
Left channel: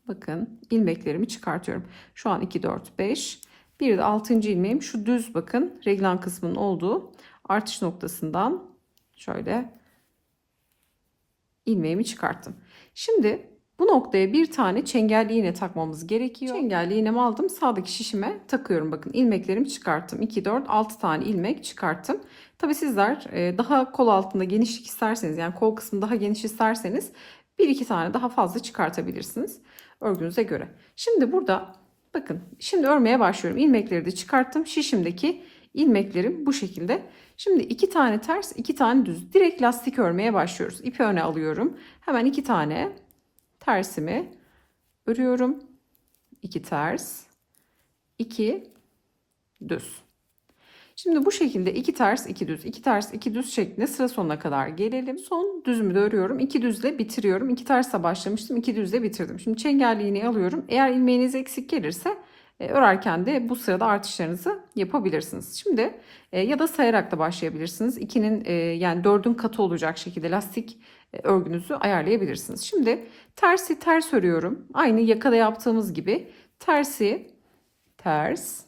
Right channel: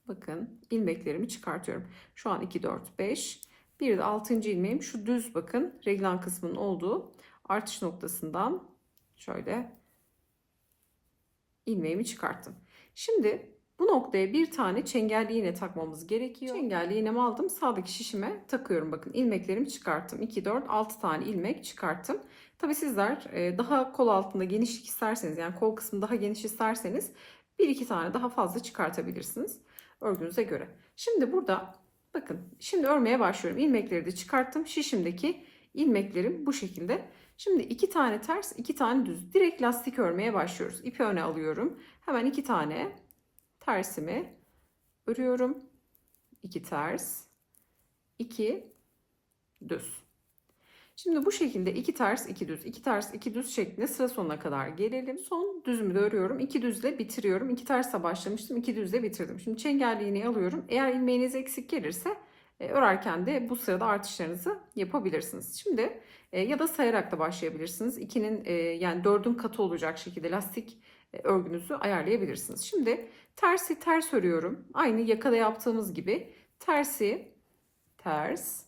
bakın ilmeklerimi çıkartıyorum. Şu an 2, 4, 5. Bir de 6. ilmeğim şu düz bakın reglan kısmının olduğu artış noktasından şöyle ilmeğimi çıkarttım. Şimdi bu noktaya bir tane çengelli iğne takmamız gerekiyor. Çengelli iğnemi aldım. Sağdaki şişime takıyorum. Bakın ilmeklerimi çıkarttım. 2, 4, 6 tane ilmek çıkarttım. Tabi sizler daha kol altında genişlik isterseniz, yani kol kısmı daha geniş isterseniz 1-2 tane daha fazla çıkartabilirsiniz örgünüze göre. Şimdi burada bakın şimdi örmeye başlıyorum. İlmekleri de çıkarttım. Şişimdeki ilmeklerim bu şekilde. Şimdi 2 tane ters, 2 tane düz. Direkt lastik örmeye başlıyoruz. İpi öne alıyorum. Hemen 2 tane tersimi örüyorum. 2 ters, 2 düz. Şimdi bu şekilde 2 ters, 2 düz, 2 ters, 2 düz şeklinde sıra sonuna kadar gelelim. Son düzümü de örüyorum. 2 düzle bitiriyorum. 2 tersle başlamıştım. 2 düzle bitirdim. Şimdi çengelli iğneyi alıyorum. Eğer ilmeğiniz eksik gelirse örerken de bu sırada artışlarınızı yapabilirsiniz. Şimdi ya da sayarak da başlayabilirsiniz. 2'nin yani 4'ün katı olacak şekilde lastik örgünüzü ayarlayabilirsiniz. Şimdi tersi ters örüyorum. Aynı yakada yaptığımız gibi tersi ters,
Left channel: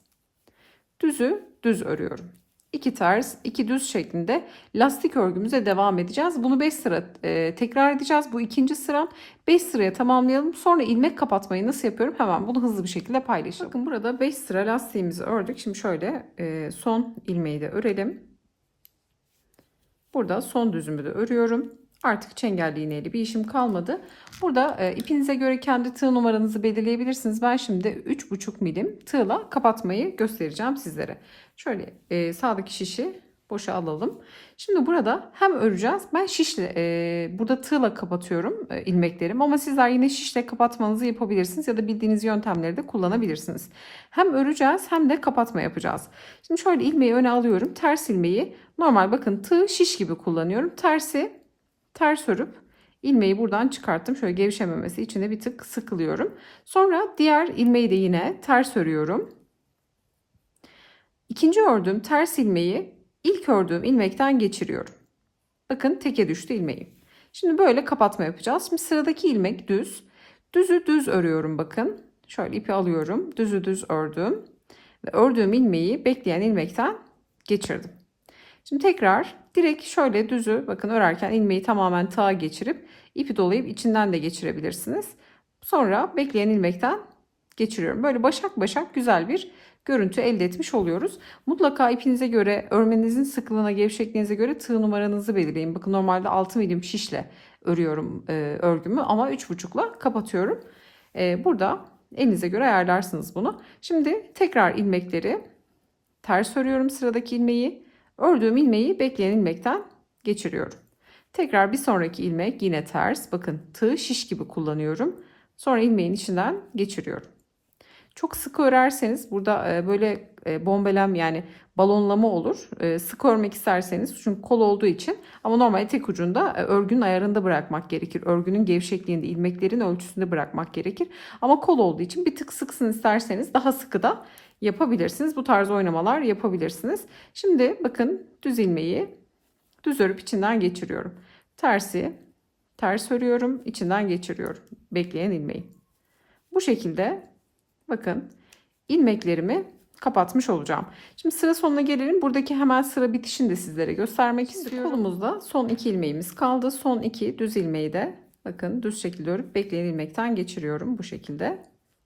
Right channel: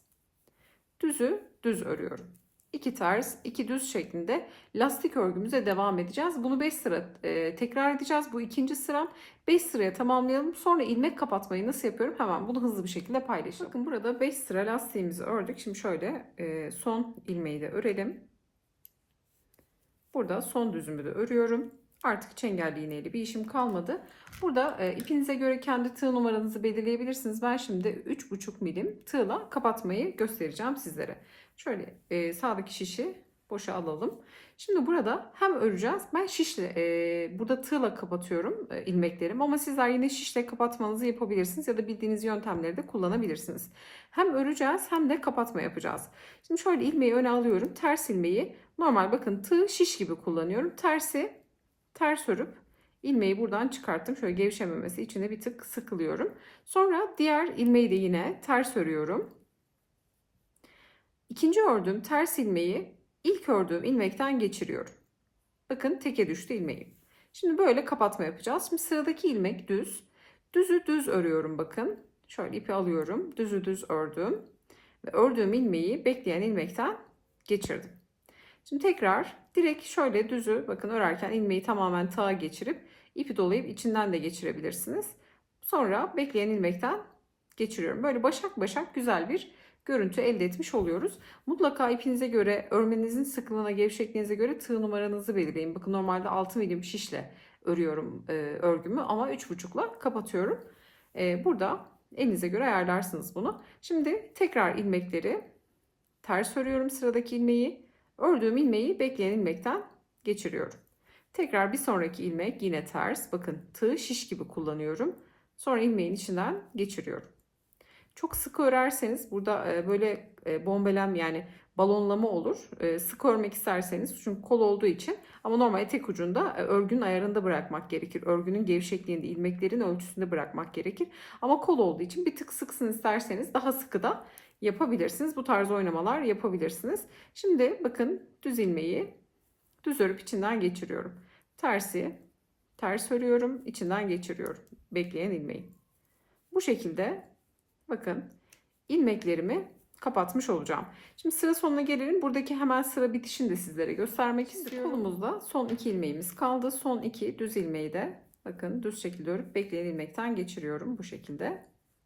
düzü düz örüyorum. 2 ters, 2 düz şeklinde lastik örgümüze devam edeceğiz. Bunu 5 sıra tekrar edeceğiz. Bu ikinci sıram. 5 sıraya tamamlayalım. Sonra ilmek kapatmayı nasıl yapıyorum? Hemen bunu hızlı bir şekilde paylaşalım. Bakın burada 5 sıra lastiğimizi ördük. Şimdi şöyle son ilmeği de örelim. Burada son düzümü de örüyorum. Artık çengelli iğneyle bir işim kalmadı. Burada ipinize göre kendi tığ numaranızı belirleyebilirsiniz. Ben şimdi 3,5 milim tığla kapatmayı göstereceğim sizlere. Şöyle sağdaki şişi Boşa alalım. Şimdi burada hem öreceğiz. Ben şişle burada tığla kapatıyorum ilmeklerim, ama sizler yine şişle kapatmanızı yapabilirsiniz ya da bildiğiniz yöntemleri de kullanabilirsiniz. Hem öreceğiz hem de kapatma yapacağız. Şimdi şöyle ilmeği öne alıyorum. Ters ilmeği normal, bakın tığ şiş gibi kullanıyorum. Ters örüp ilmeği buradan çıkarttım. Şöyle gevşememesi için de bir tık sıkılıyorum. Sonra diğer ilmeği de yine ters örüyorum. İkinci ördüğüm ters ilmeği ilk ördüğüm ilmekten geçiriyorum. Bakın teke düştü ilmeğim. Şimdi böyle kapatma yapacağız. Şimdi sıradaki ilmek düz. Düzü düz örüyorum bakın. Şöyle ipi alıyorum. Düzü düz ördüm. Ve ördüğüm ilmeği bekleyen ilmekten geçirdim. Şimdi tekrar direkt şöyle düzü bakın örerken ilmeği tamamen tığa geçirip ipi dolayıp içinden de geçirebilirsiniz. Sonra bekleyen ilmekten geçiriyorum. Böyle başak başak güzel bir görüntü elde etmiş oluyoruz. Mutlaka ipinize göre, örmenizin sıklığına, gevşekliğinize göre tığ numaranızı belirleyin. Bakın normalde 6 milim şişle örüyorum örgümü, ama 3,5'la kapatıyorum. Burada elinize göre ayarlarsınız bunu. Şimdi tekrar ilmekleri ters örüyorum, sıradaki ilmeği. Ördüğüm ilmeği bekleyen ilmekten geçiriyorum. Tekrar bir sonraki ilmek yine ters. Bakın tığ şiş gibi kullanıyorum. Sonra ilmeğin içinden geçiriyorum. Çok sık örerseniz burada böyle bombelem, yani balonlama olur. Sık örmek isterseniz, çünkü kol olduğu için, ama normal tek ucunda örgünün ayarında bırakmak gerekir. Örgünün gevşekliğinde, ilmeklerin ölçüsünde bırakmak gerekir. Ama kol olduğu için bir tık sıksın isterseniz daha sıkı da yapabilirsiniz. Bu tarz oynamalar yapabilirsiniz. Şimdi bakın düz ilmeği düz örüp içinden geçiriyorum. Ters örüyorum, içinden geçiriyorum. Bekleyen ilmeği. Bu şekilde bakın ilmeklerimi kapatmış olacağım. Şimdi sıra sonuna gelelim. Buradaki hemen sıra bitişini de sizlere göstermek istiyorum. Kolumuzda son 2 ilmeğimiz kaldı. Son 2 düz ilmeği de bakın düz şekilde örüp bekleyen ilmekten geçiriyorum. Bu şekilde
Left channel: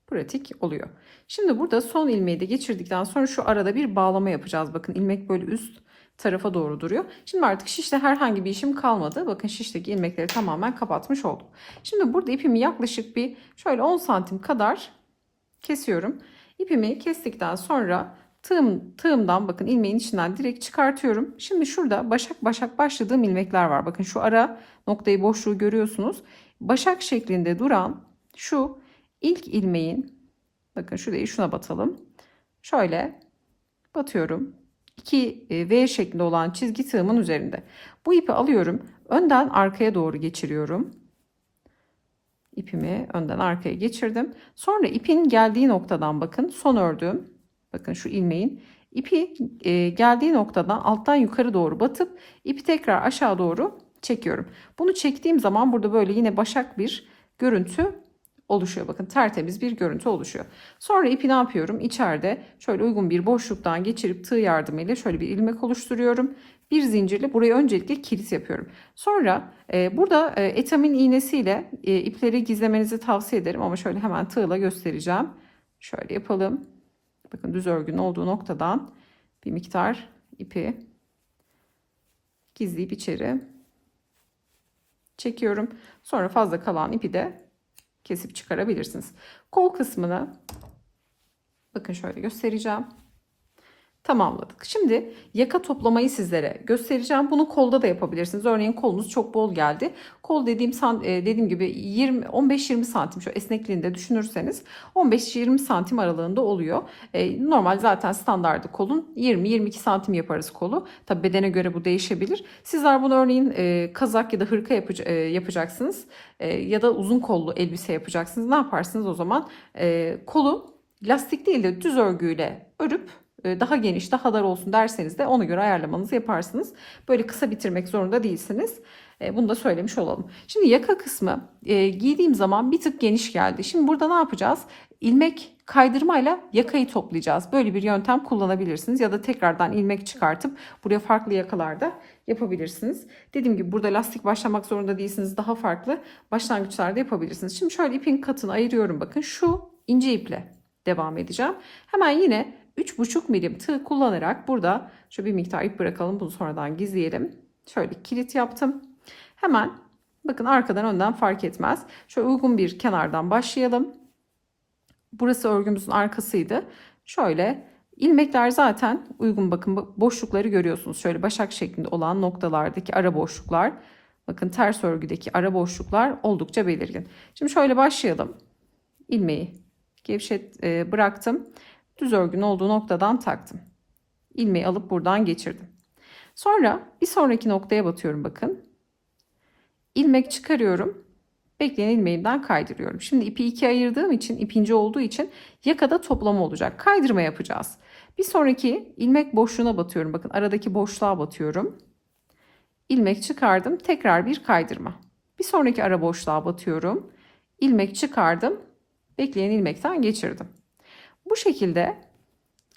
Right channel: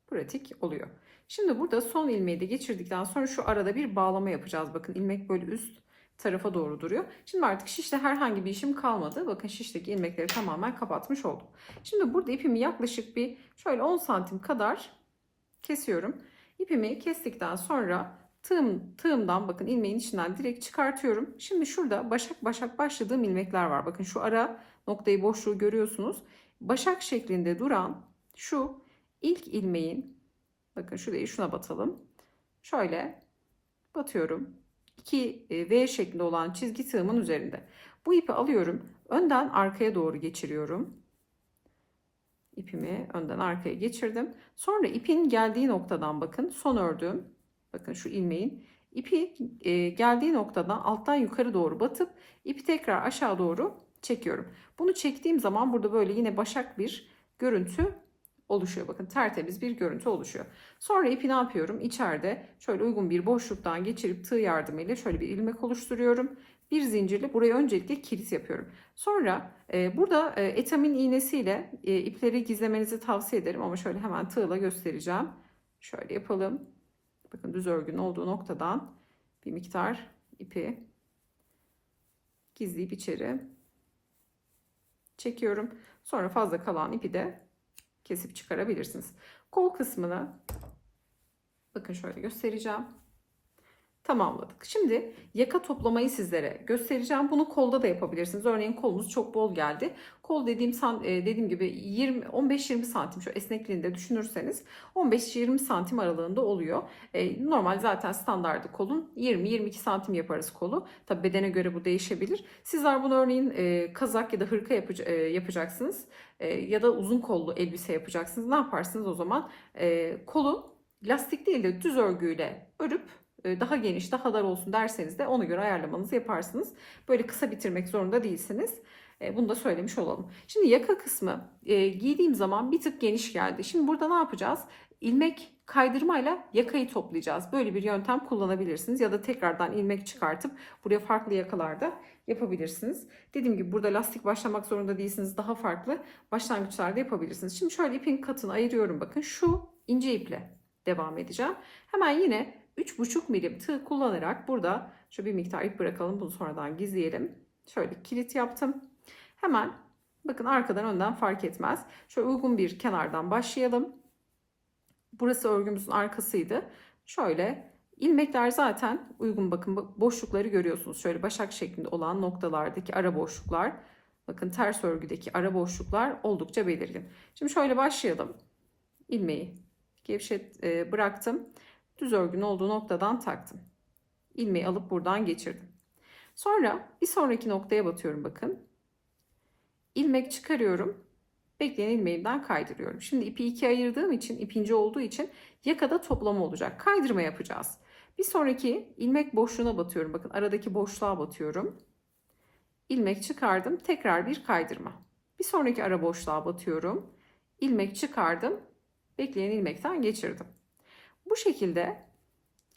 pratik oluyor. Şimdi burada son ilmeği de geçirdikten sonra şu arada bir bağlama yapacağız. Bakın ilmek böyle üst tarafa doğru duruyor. Şimdi artık şişle herhangi bir işim kalmadı. Bakın şişteki ilmekleri tamamen kapatmış oldum. Şimdi burada ipimi yaklaşık bir şöyle 10 santim kadar kesiyorum. İpimi kestikten sonra tığımdan bakın ilmeğin içinden direkt çıkartıyorum. Şimdi şurada başak başak başladığım ilmekler var. Bakın şu ara noktayı, boşluğu görüyorsunuz. Başak şeklinde duran şu ilk ilmeğin, bakın şurayı şuna batalım. Şöyle batıyorum. 2 V şeklinde olan çizgi tığımın üzerinde. Bu ipi alıyorum. Önden arkaya doğru geçiriyorum. İpimi önden arkaya geçirdim. Sonra ipin geldiği noktadan bakın son ördüğüm, bakın şu ilmeğin ipi geldiği noktadan alttan yukarı doğru batıp ipi tekrar aşağı doğru çekiyorum. Bunu çektiğim zaman burada böyle yine başak bir görüntü oluşuyor. Bakın tertemiz bir görüntü oluşuyor. Sonra ipi ne yapıyorum? İçeride şöyle uygun bir boşluktan geçirip tığ yardımıyla şöyle bir ilmek oluşturuyorum. Bir zincirle buraya öncelikle kilit yapıyorum. Sonra burada etamin iğnesiyle ipleri gizlemenizi tavsiye ederim, ama şöyle hemen tığla göstereceğim. Şöyle yapalım. Bakın düz örgünün olduğu noktadan bir miktar ipi gizleyip içeri çekiyorum. Sonra fazla kalan ipi de kesip çıkarabilirsiniz. Kol kısmını bakın şöyle göstereceğim. Tamamladık. Şimdi yaka toplamayı sizlere göstereceğim. Bunu kolda da yapabilirsiniz. Örneğin kolunuz çok bol geldi. Kol dediğim gibi 15-20 santim şu esnekliğinde düşünürseniz 15-20 santim aralığında oluyor. Normal zaten standardı kolun 20-22 santim yaparız kolu. Tabi bedene göre bu değişebilir. Sizler bunu örneğin kazak ya da hırka yapacaksınız. Ya da uzun kollu elbise yapacaksınız. Ne yaparsınız o zaman? Kolu lastik değil de düz örgüyle örüp daha geniş, daha dar olsun derseniz de ona göre ayarlamanızı yaparsınız. Böyle kısa bitirmek zorunda değilsiniz. Bunu da söylemiş olalım. Şimdi yaka kısmı giydiğim zaman bir tık geniş geldi. Şimdi burada ne yapacağız? İlmek kaydırmayla yakayı toplayacağız. Böyle bir yöntem kullanabilirsiniz. Ya da tekrardan ilmek çıkartıp buraya farklı yakalarda yapabilirsiniz. Dediğim gibi burada lastik başlamak zorunda değilsiniz. Daha farklı başlangıçlarda yapabilirsiniz. Şimdi şöyle ipin katını ayırıyorum. Bakın şu ince iple devam edeceğim. Hemen yine 3,5 milim tığ kullanarak burada şu bir miktar ip bırakalım. Bunu sonradan gizleyelim. Şöyle kilit yaptım. Hemen bakın arkadan önden fark etmez. Şöyle uygun bir kenardan başlayalım. Burası örgümüzün arkasıydı. Şöyle İlmekler zaten uygun, bakın boşlukları görüyorsunuz. Şöyle başak şeklinde olan noktalardaki ara boşluklar, bakın ters örgüdeki ara boşluklar oldukça belirgin. Şimdi şöyle başlayalım. İlmeği bıraktım. Düz örgünün olduğu noktadan taktım. İlmeği alıp buradan geçirdim. Sonra bir sonraki noktaya batıyorum bakın. İlmek çıkarıyorum. Bekleyen ilmeğimden kaydırıyorum. Şimdi ipi ikiye ayırdığım için, ip ince olduğu için yakada toplama olacak. Kaydırma yapacağız. Bir sonraki ilmek boşluğuna batıyorum. Bakın aradaki boşluğa batıyorum. İlmek çıkardım. Tekrar bir kaydırma. Bir sonraki ara boşluğa batıyorum. İlmek çıkardım. Bekleyen ilmekten geçirdim. Bu şekilde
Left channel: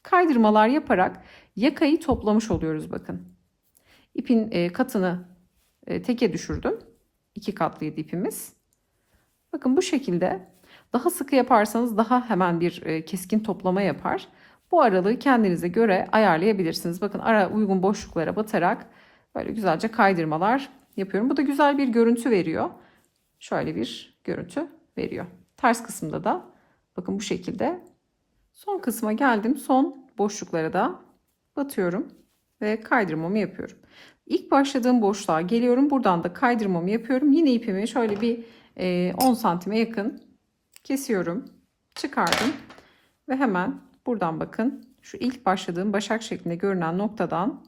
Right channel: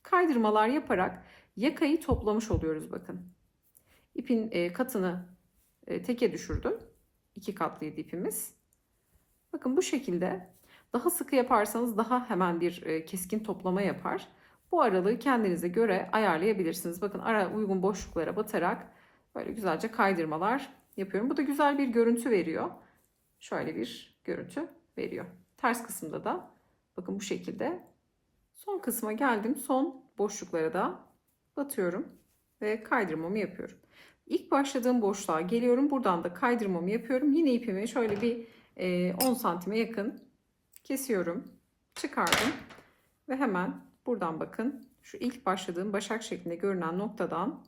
kaydırmalar yaparak yakayı toplamış oluyoruz bakın. İpin katını teke düşürdüm. 2 katlıydı ipimiz. Bakın bu şekilde daha sıkı yaparsanız daha hemen bir keskin toplama yapar. Bu aralığı kendinize göre ayarlayabilirsiniz. Bakın ara uygun boşluklara batarak böyle güzelce kaydırmalar yapıyorum. Bu da güzel bir görüntü veriyor. Şöyle bir görüntü veriyor. Ters kısımda da bakın bu şekilde. Son kısma geldim. Son boşluklara da batıyorum ve kaydırmamı yapıyorum. İlk başladığım boşluğa geliyorum. Buradan da kaydırmamı yapıyorum. Yine ipimi şöyle bir 10 santime yakın kesiyorum. Çıkardım. Ve hemen buradan bakın şu ilk başladığım başak şeklinde görünen noktadan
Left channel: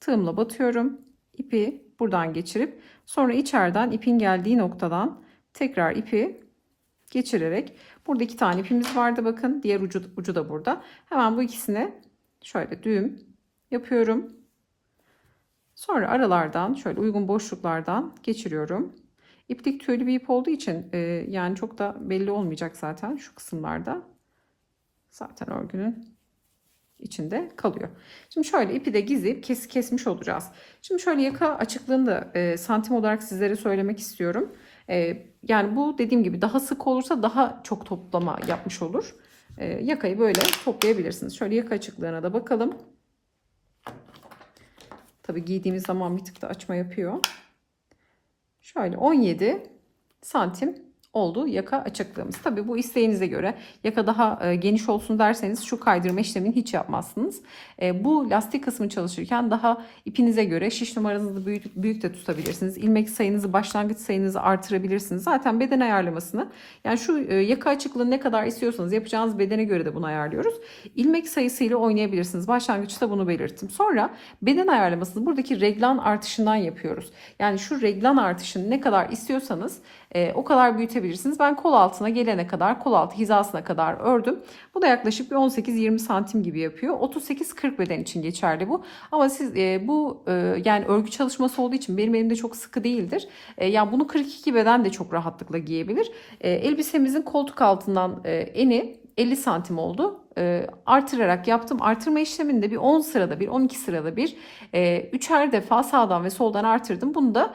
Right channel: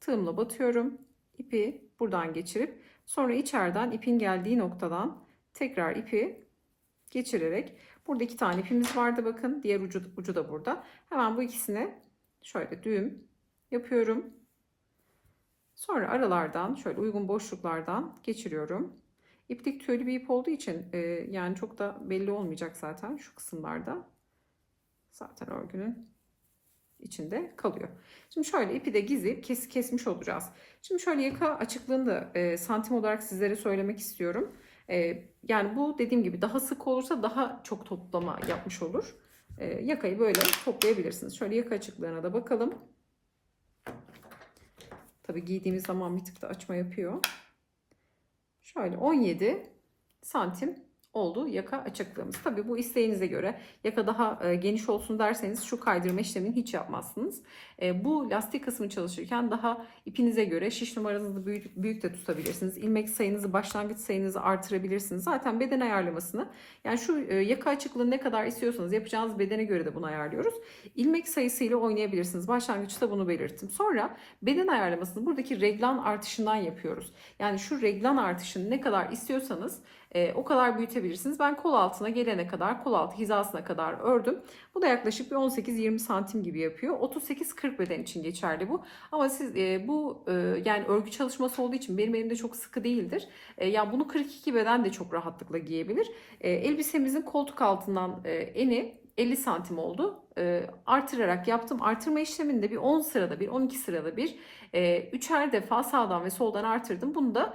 tığımla batıyorum. İpi buradan geçirip sonra içeriden ipin geldiği noktadan tekrar ipi geçirerek, burada 2 tane ipimiz vardı bakın, diğer ucu da burada. Hemen bu ikisine şöyle düğüm yapıyorum. Sonra aralardan şöyle uygun boşluklardan geçiriyorum. İplik tüylü bir ip olduğu için yani çok da belli olmayacak zaten şu kısımlarda. Zaten örgünün içinde kalıyor. Şimdi şöyle ipi de gizleyip kesmiş olacağız. Şimdi şöyle yaka açıklığını da santim olarak sizlere söylemek istiyorum. Yani bu dediğim gibi daha sık olursa daha çok toplama yapmış olur. Yakayı böyle toplayabilirsiniz. Şöyle yaka açıklığına da bakalım. Tabii giydiğimiz zaman bir tık da açma yapıyor. Şöyle 17 santim oldu yaka açıklığımız. Tabii bu isteğinize göre yaka daha geniş olsun derseniz şu kaydırma işlemini hiç yapmazsınız. Bu lastik kısmı çalışırken daha ipinize göre şiş numaranızı büyük de tutabilirsiniz. İlmek sayınızı, başlangıç sayınızı artırabilirsiniz. Zaten beden ayarlamasını, yani şu yaka açıklığını ne kadar istiyorsanız yapacağınız bedene göre de bunu ayarlıyoruz. İlmek sayısıyla oynayabilirsiniz. Başlangıçta bunu belirttim. Sonra beden ayarlamasını buradaki reglan artışından yapıyoruz. Yani şu reglan artışını ne kadar istiyorsanız o kadar büyütebilirsiniz. Ben kol altına gelene kadar, kol altı hizasına kadar ördüm. Bu da yaklaşık bir 18-20 santim gibi yapıyor. 38-40 beden için geçerli bu. Ama siz yani örgü çalışması olduğu için benim elimde çok sıkı değildir. Yani bunu 42 beden de çok rahatlıkla giyebilir. Elbisemizin koltuk altından eni 50 santim oldu. Artırarak yaptım. Artırma işleminde bir 10 sırada bir, 12 sırada bir, üçer defa sağdan ve soldan artırdım. Bunu da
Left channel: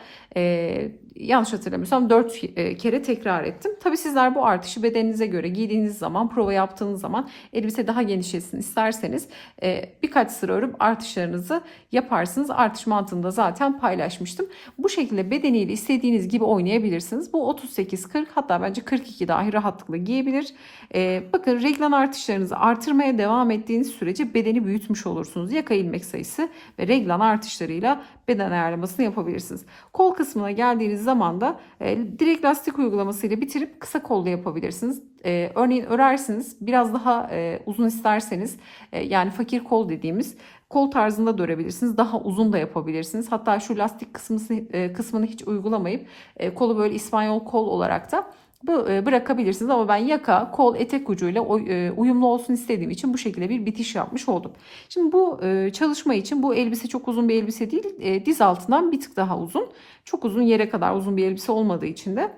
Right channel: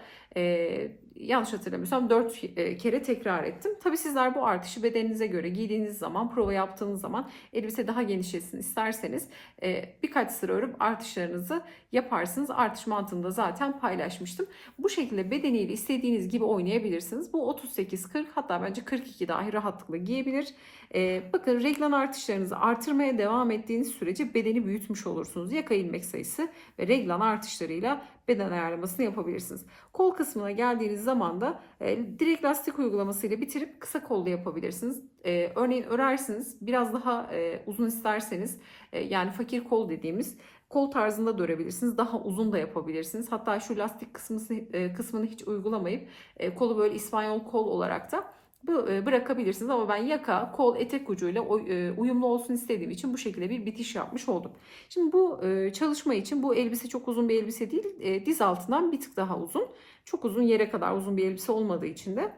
yanlış hatırlamıyorsam 4 kere tekrar ettim. Tabii sizler bu artışı bedeninize göre giydiğiniz zaman, prova yaptığınız zaman elbise daha genişlesin isterseniz birkaç sıra örüp artışlarınızı yaparsınız. Artış mantığını da zaten paylaşmıştım. Bu şekilde bedeniyle istediğiniz gibi oynayabilirsiniz. Bu 38-40, hatta bence 42 dahi rahatlıkla giyebilir. Bakın reglan artışlarınızı artırmaya devam ettiğiniz sürece bedeni büyütmüş olursunuz. Yaka ilmek sayısı ve reglan artışlarıyla beden ayarlamasını yapabilirsiniz. Kol kısmına geldiğiniz zaman da direkt lastik uygulamasıyla bitirip kısa kolda yapabilirsiniz. Örneğin örersiniz, biraz daha uzun isterseniz yani fakir kol dediğimiz kol tarzında da örebilirsiniz. Daha uzun da yapabilirsiniz. Hatta şu lastik kısmını hiç uygulamayıp kolu böyle İspanyol kol olarak da bırakabilirsiniz. Ama ben yaka, kol, etek ucuyla uyumlu olsun istediğim için bu şekilde bir bitiş yapmış oldum. Şimdi bu çalışma için bu elbise çok uzun bir elbise değil. Diz altından bir tık daha uzun. Çok uzun, yere kadar uzun bir elbise olmadığı için de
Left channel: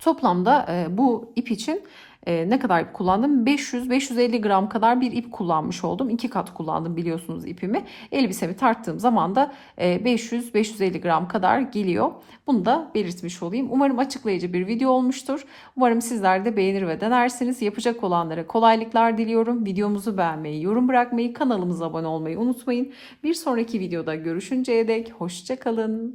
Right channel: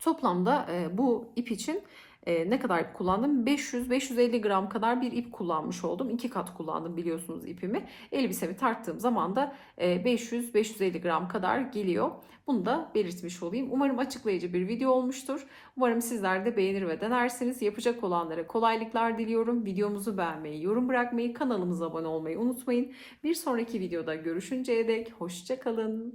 toplamda bu ip için ne kadar kullandım? 500-550 gram kadar bir ip kullanmış oldum. 2 kat kullandım biliyorsunuz ipimi. Elbisemi tarttığım zaman da 500-550 gram kadar geliyor. Bunu da belirtmiş olayım. Umarım açıklayıcı bir video olmuştur. Umarım sizler de beğenir ve denersiniz. Yapacak olanlara kolaylıklar diliyorum. Videomuzu beğenmeyi, yorum bırakmayı, kanalımıza abone olmayı unutmayın. Bir sonraki videoda görüşünceye dek hoşça kalın.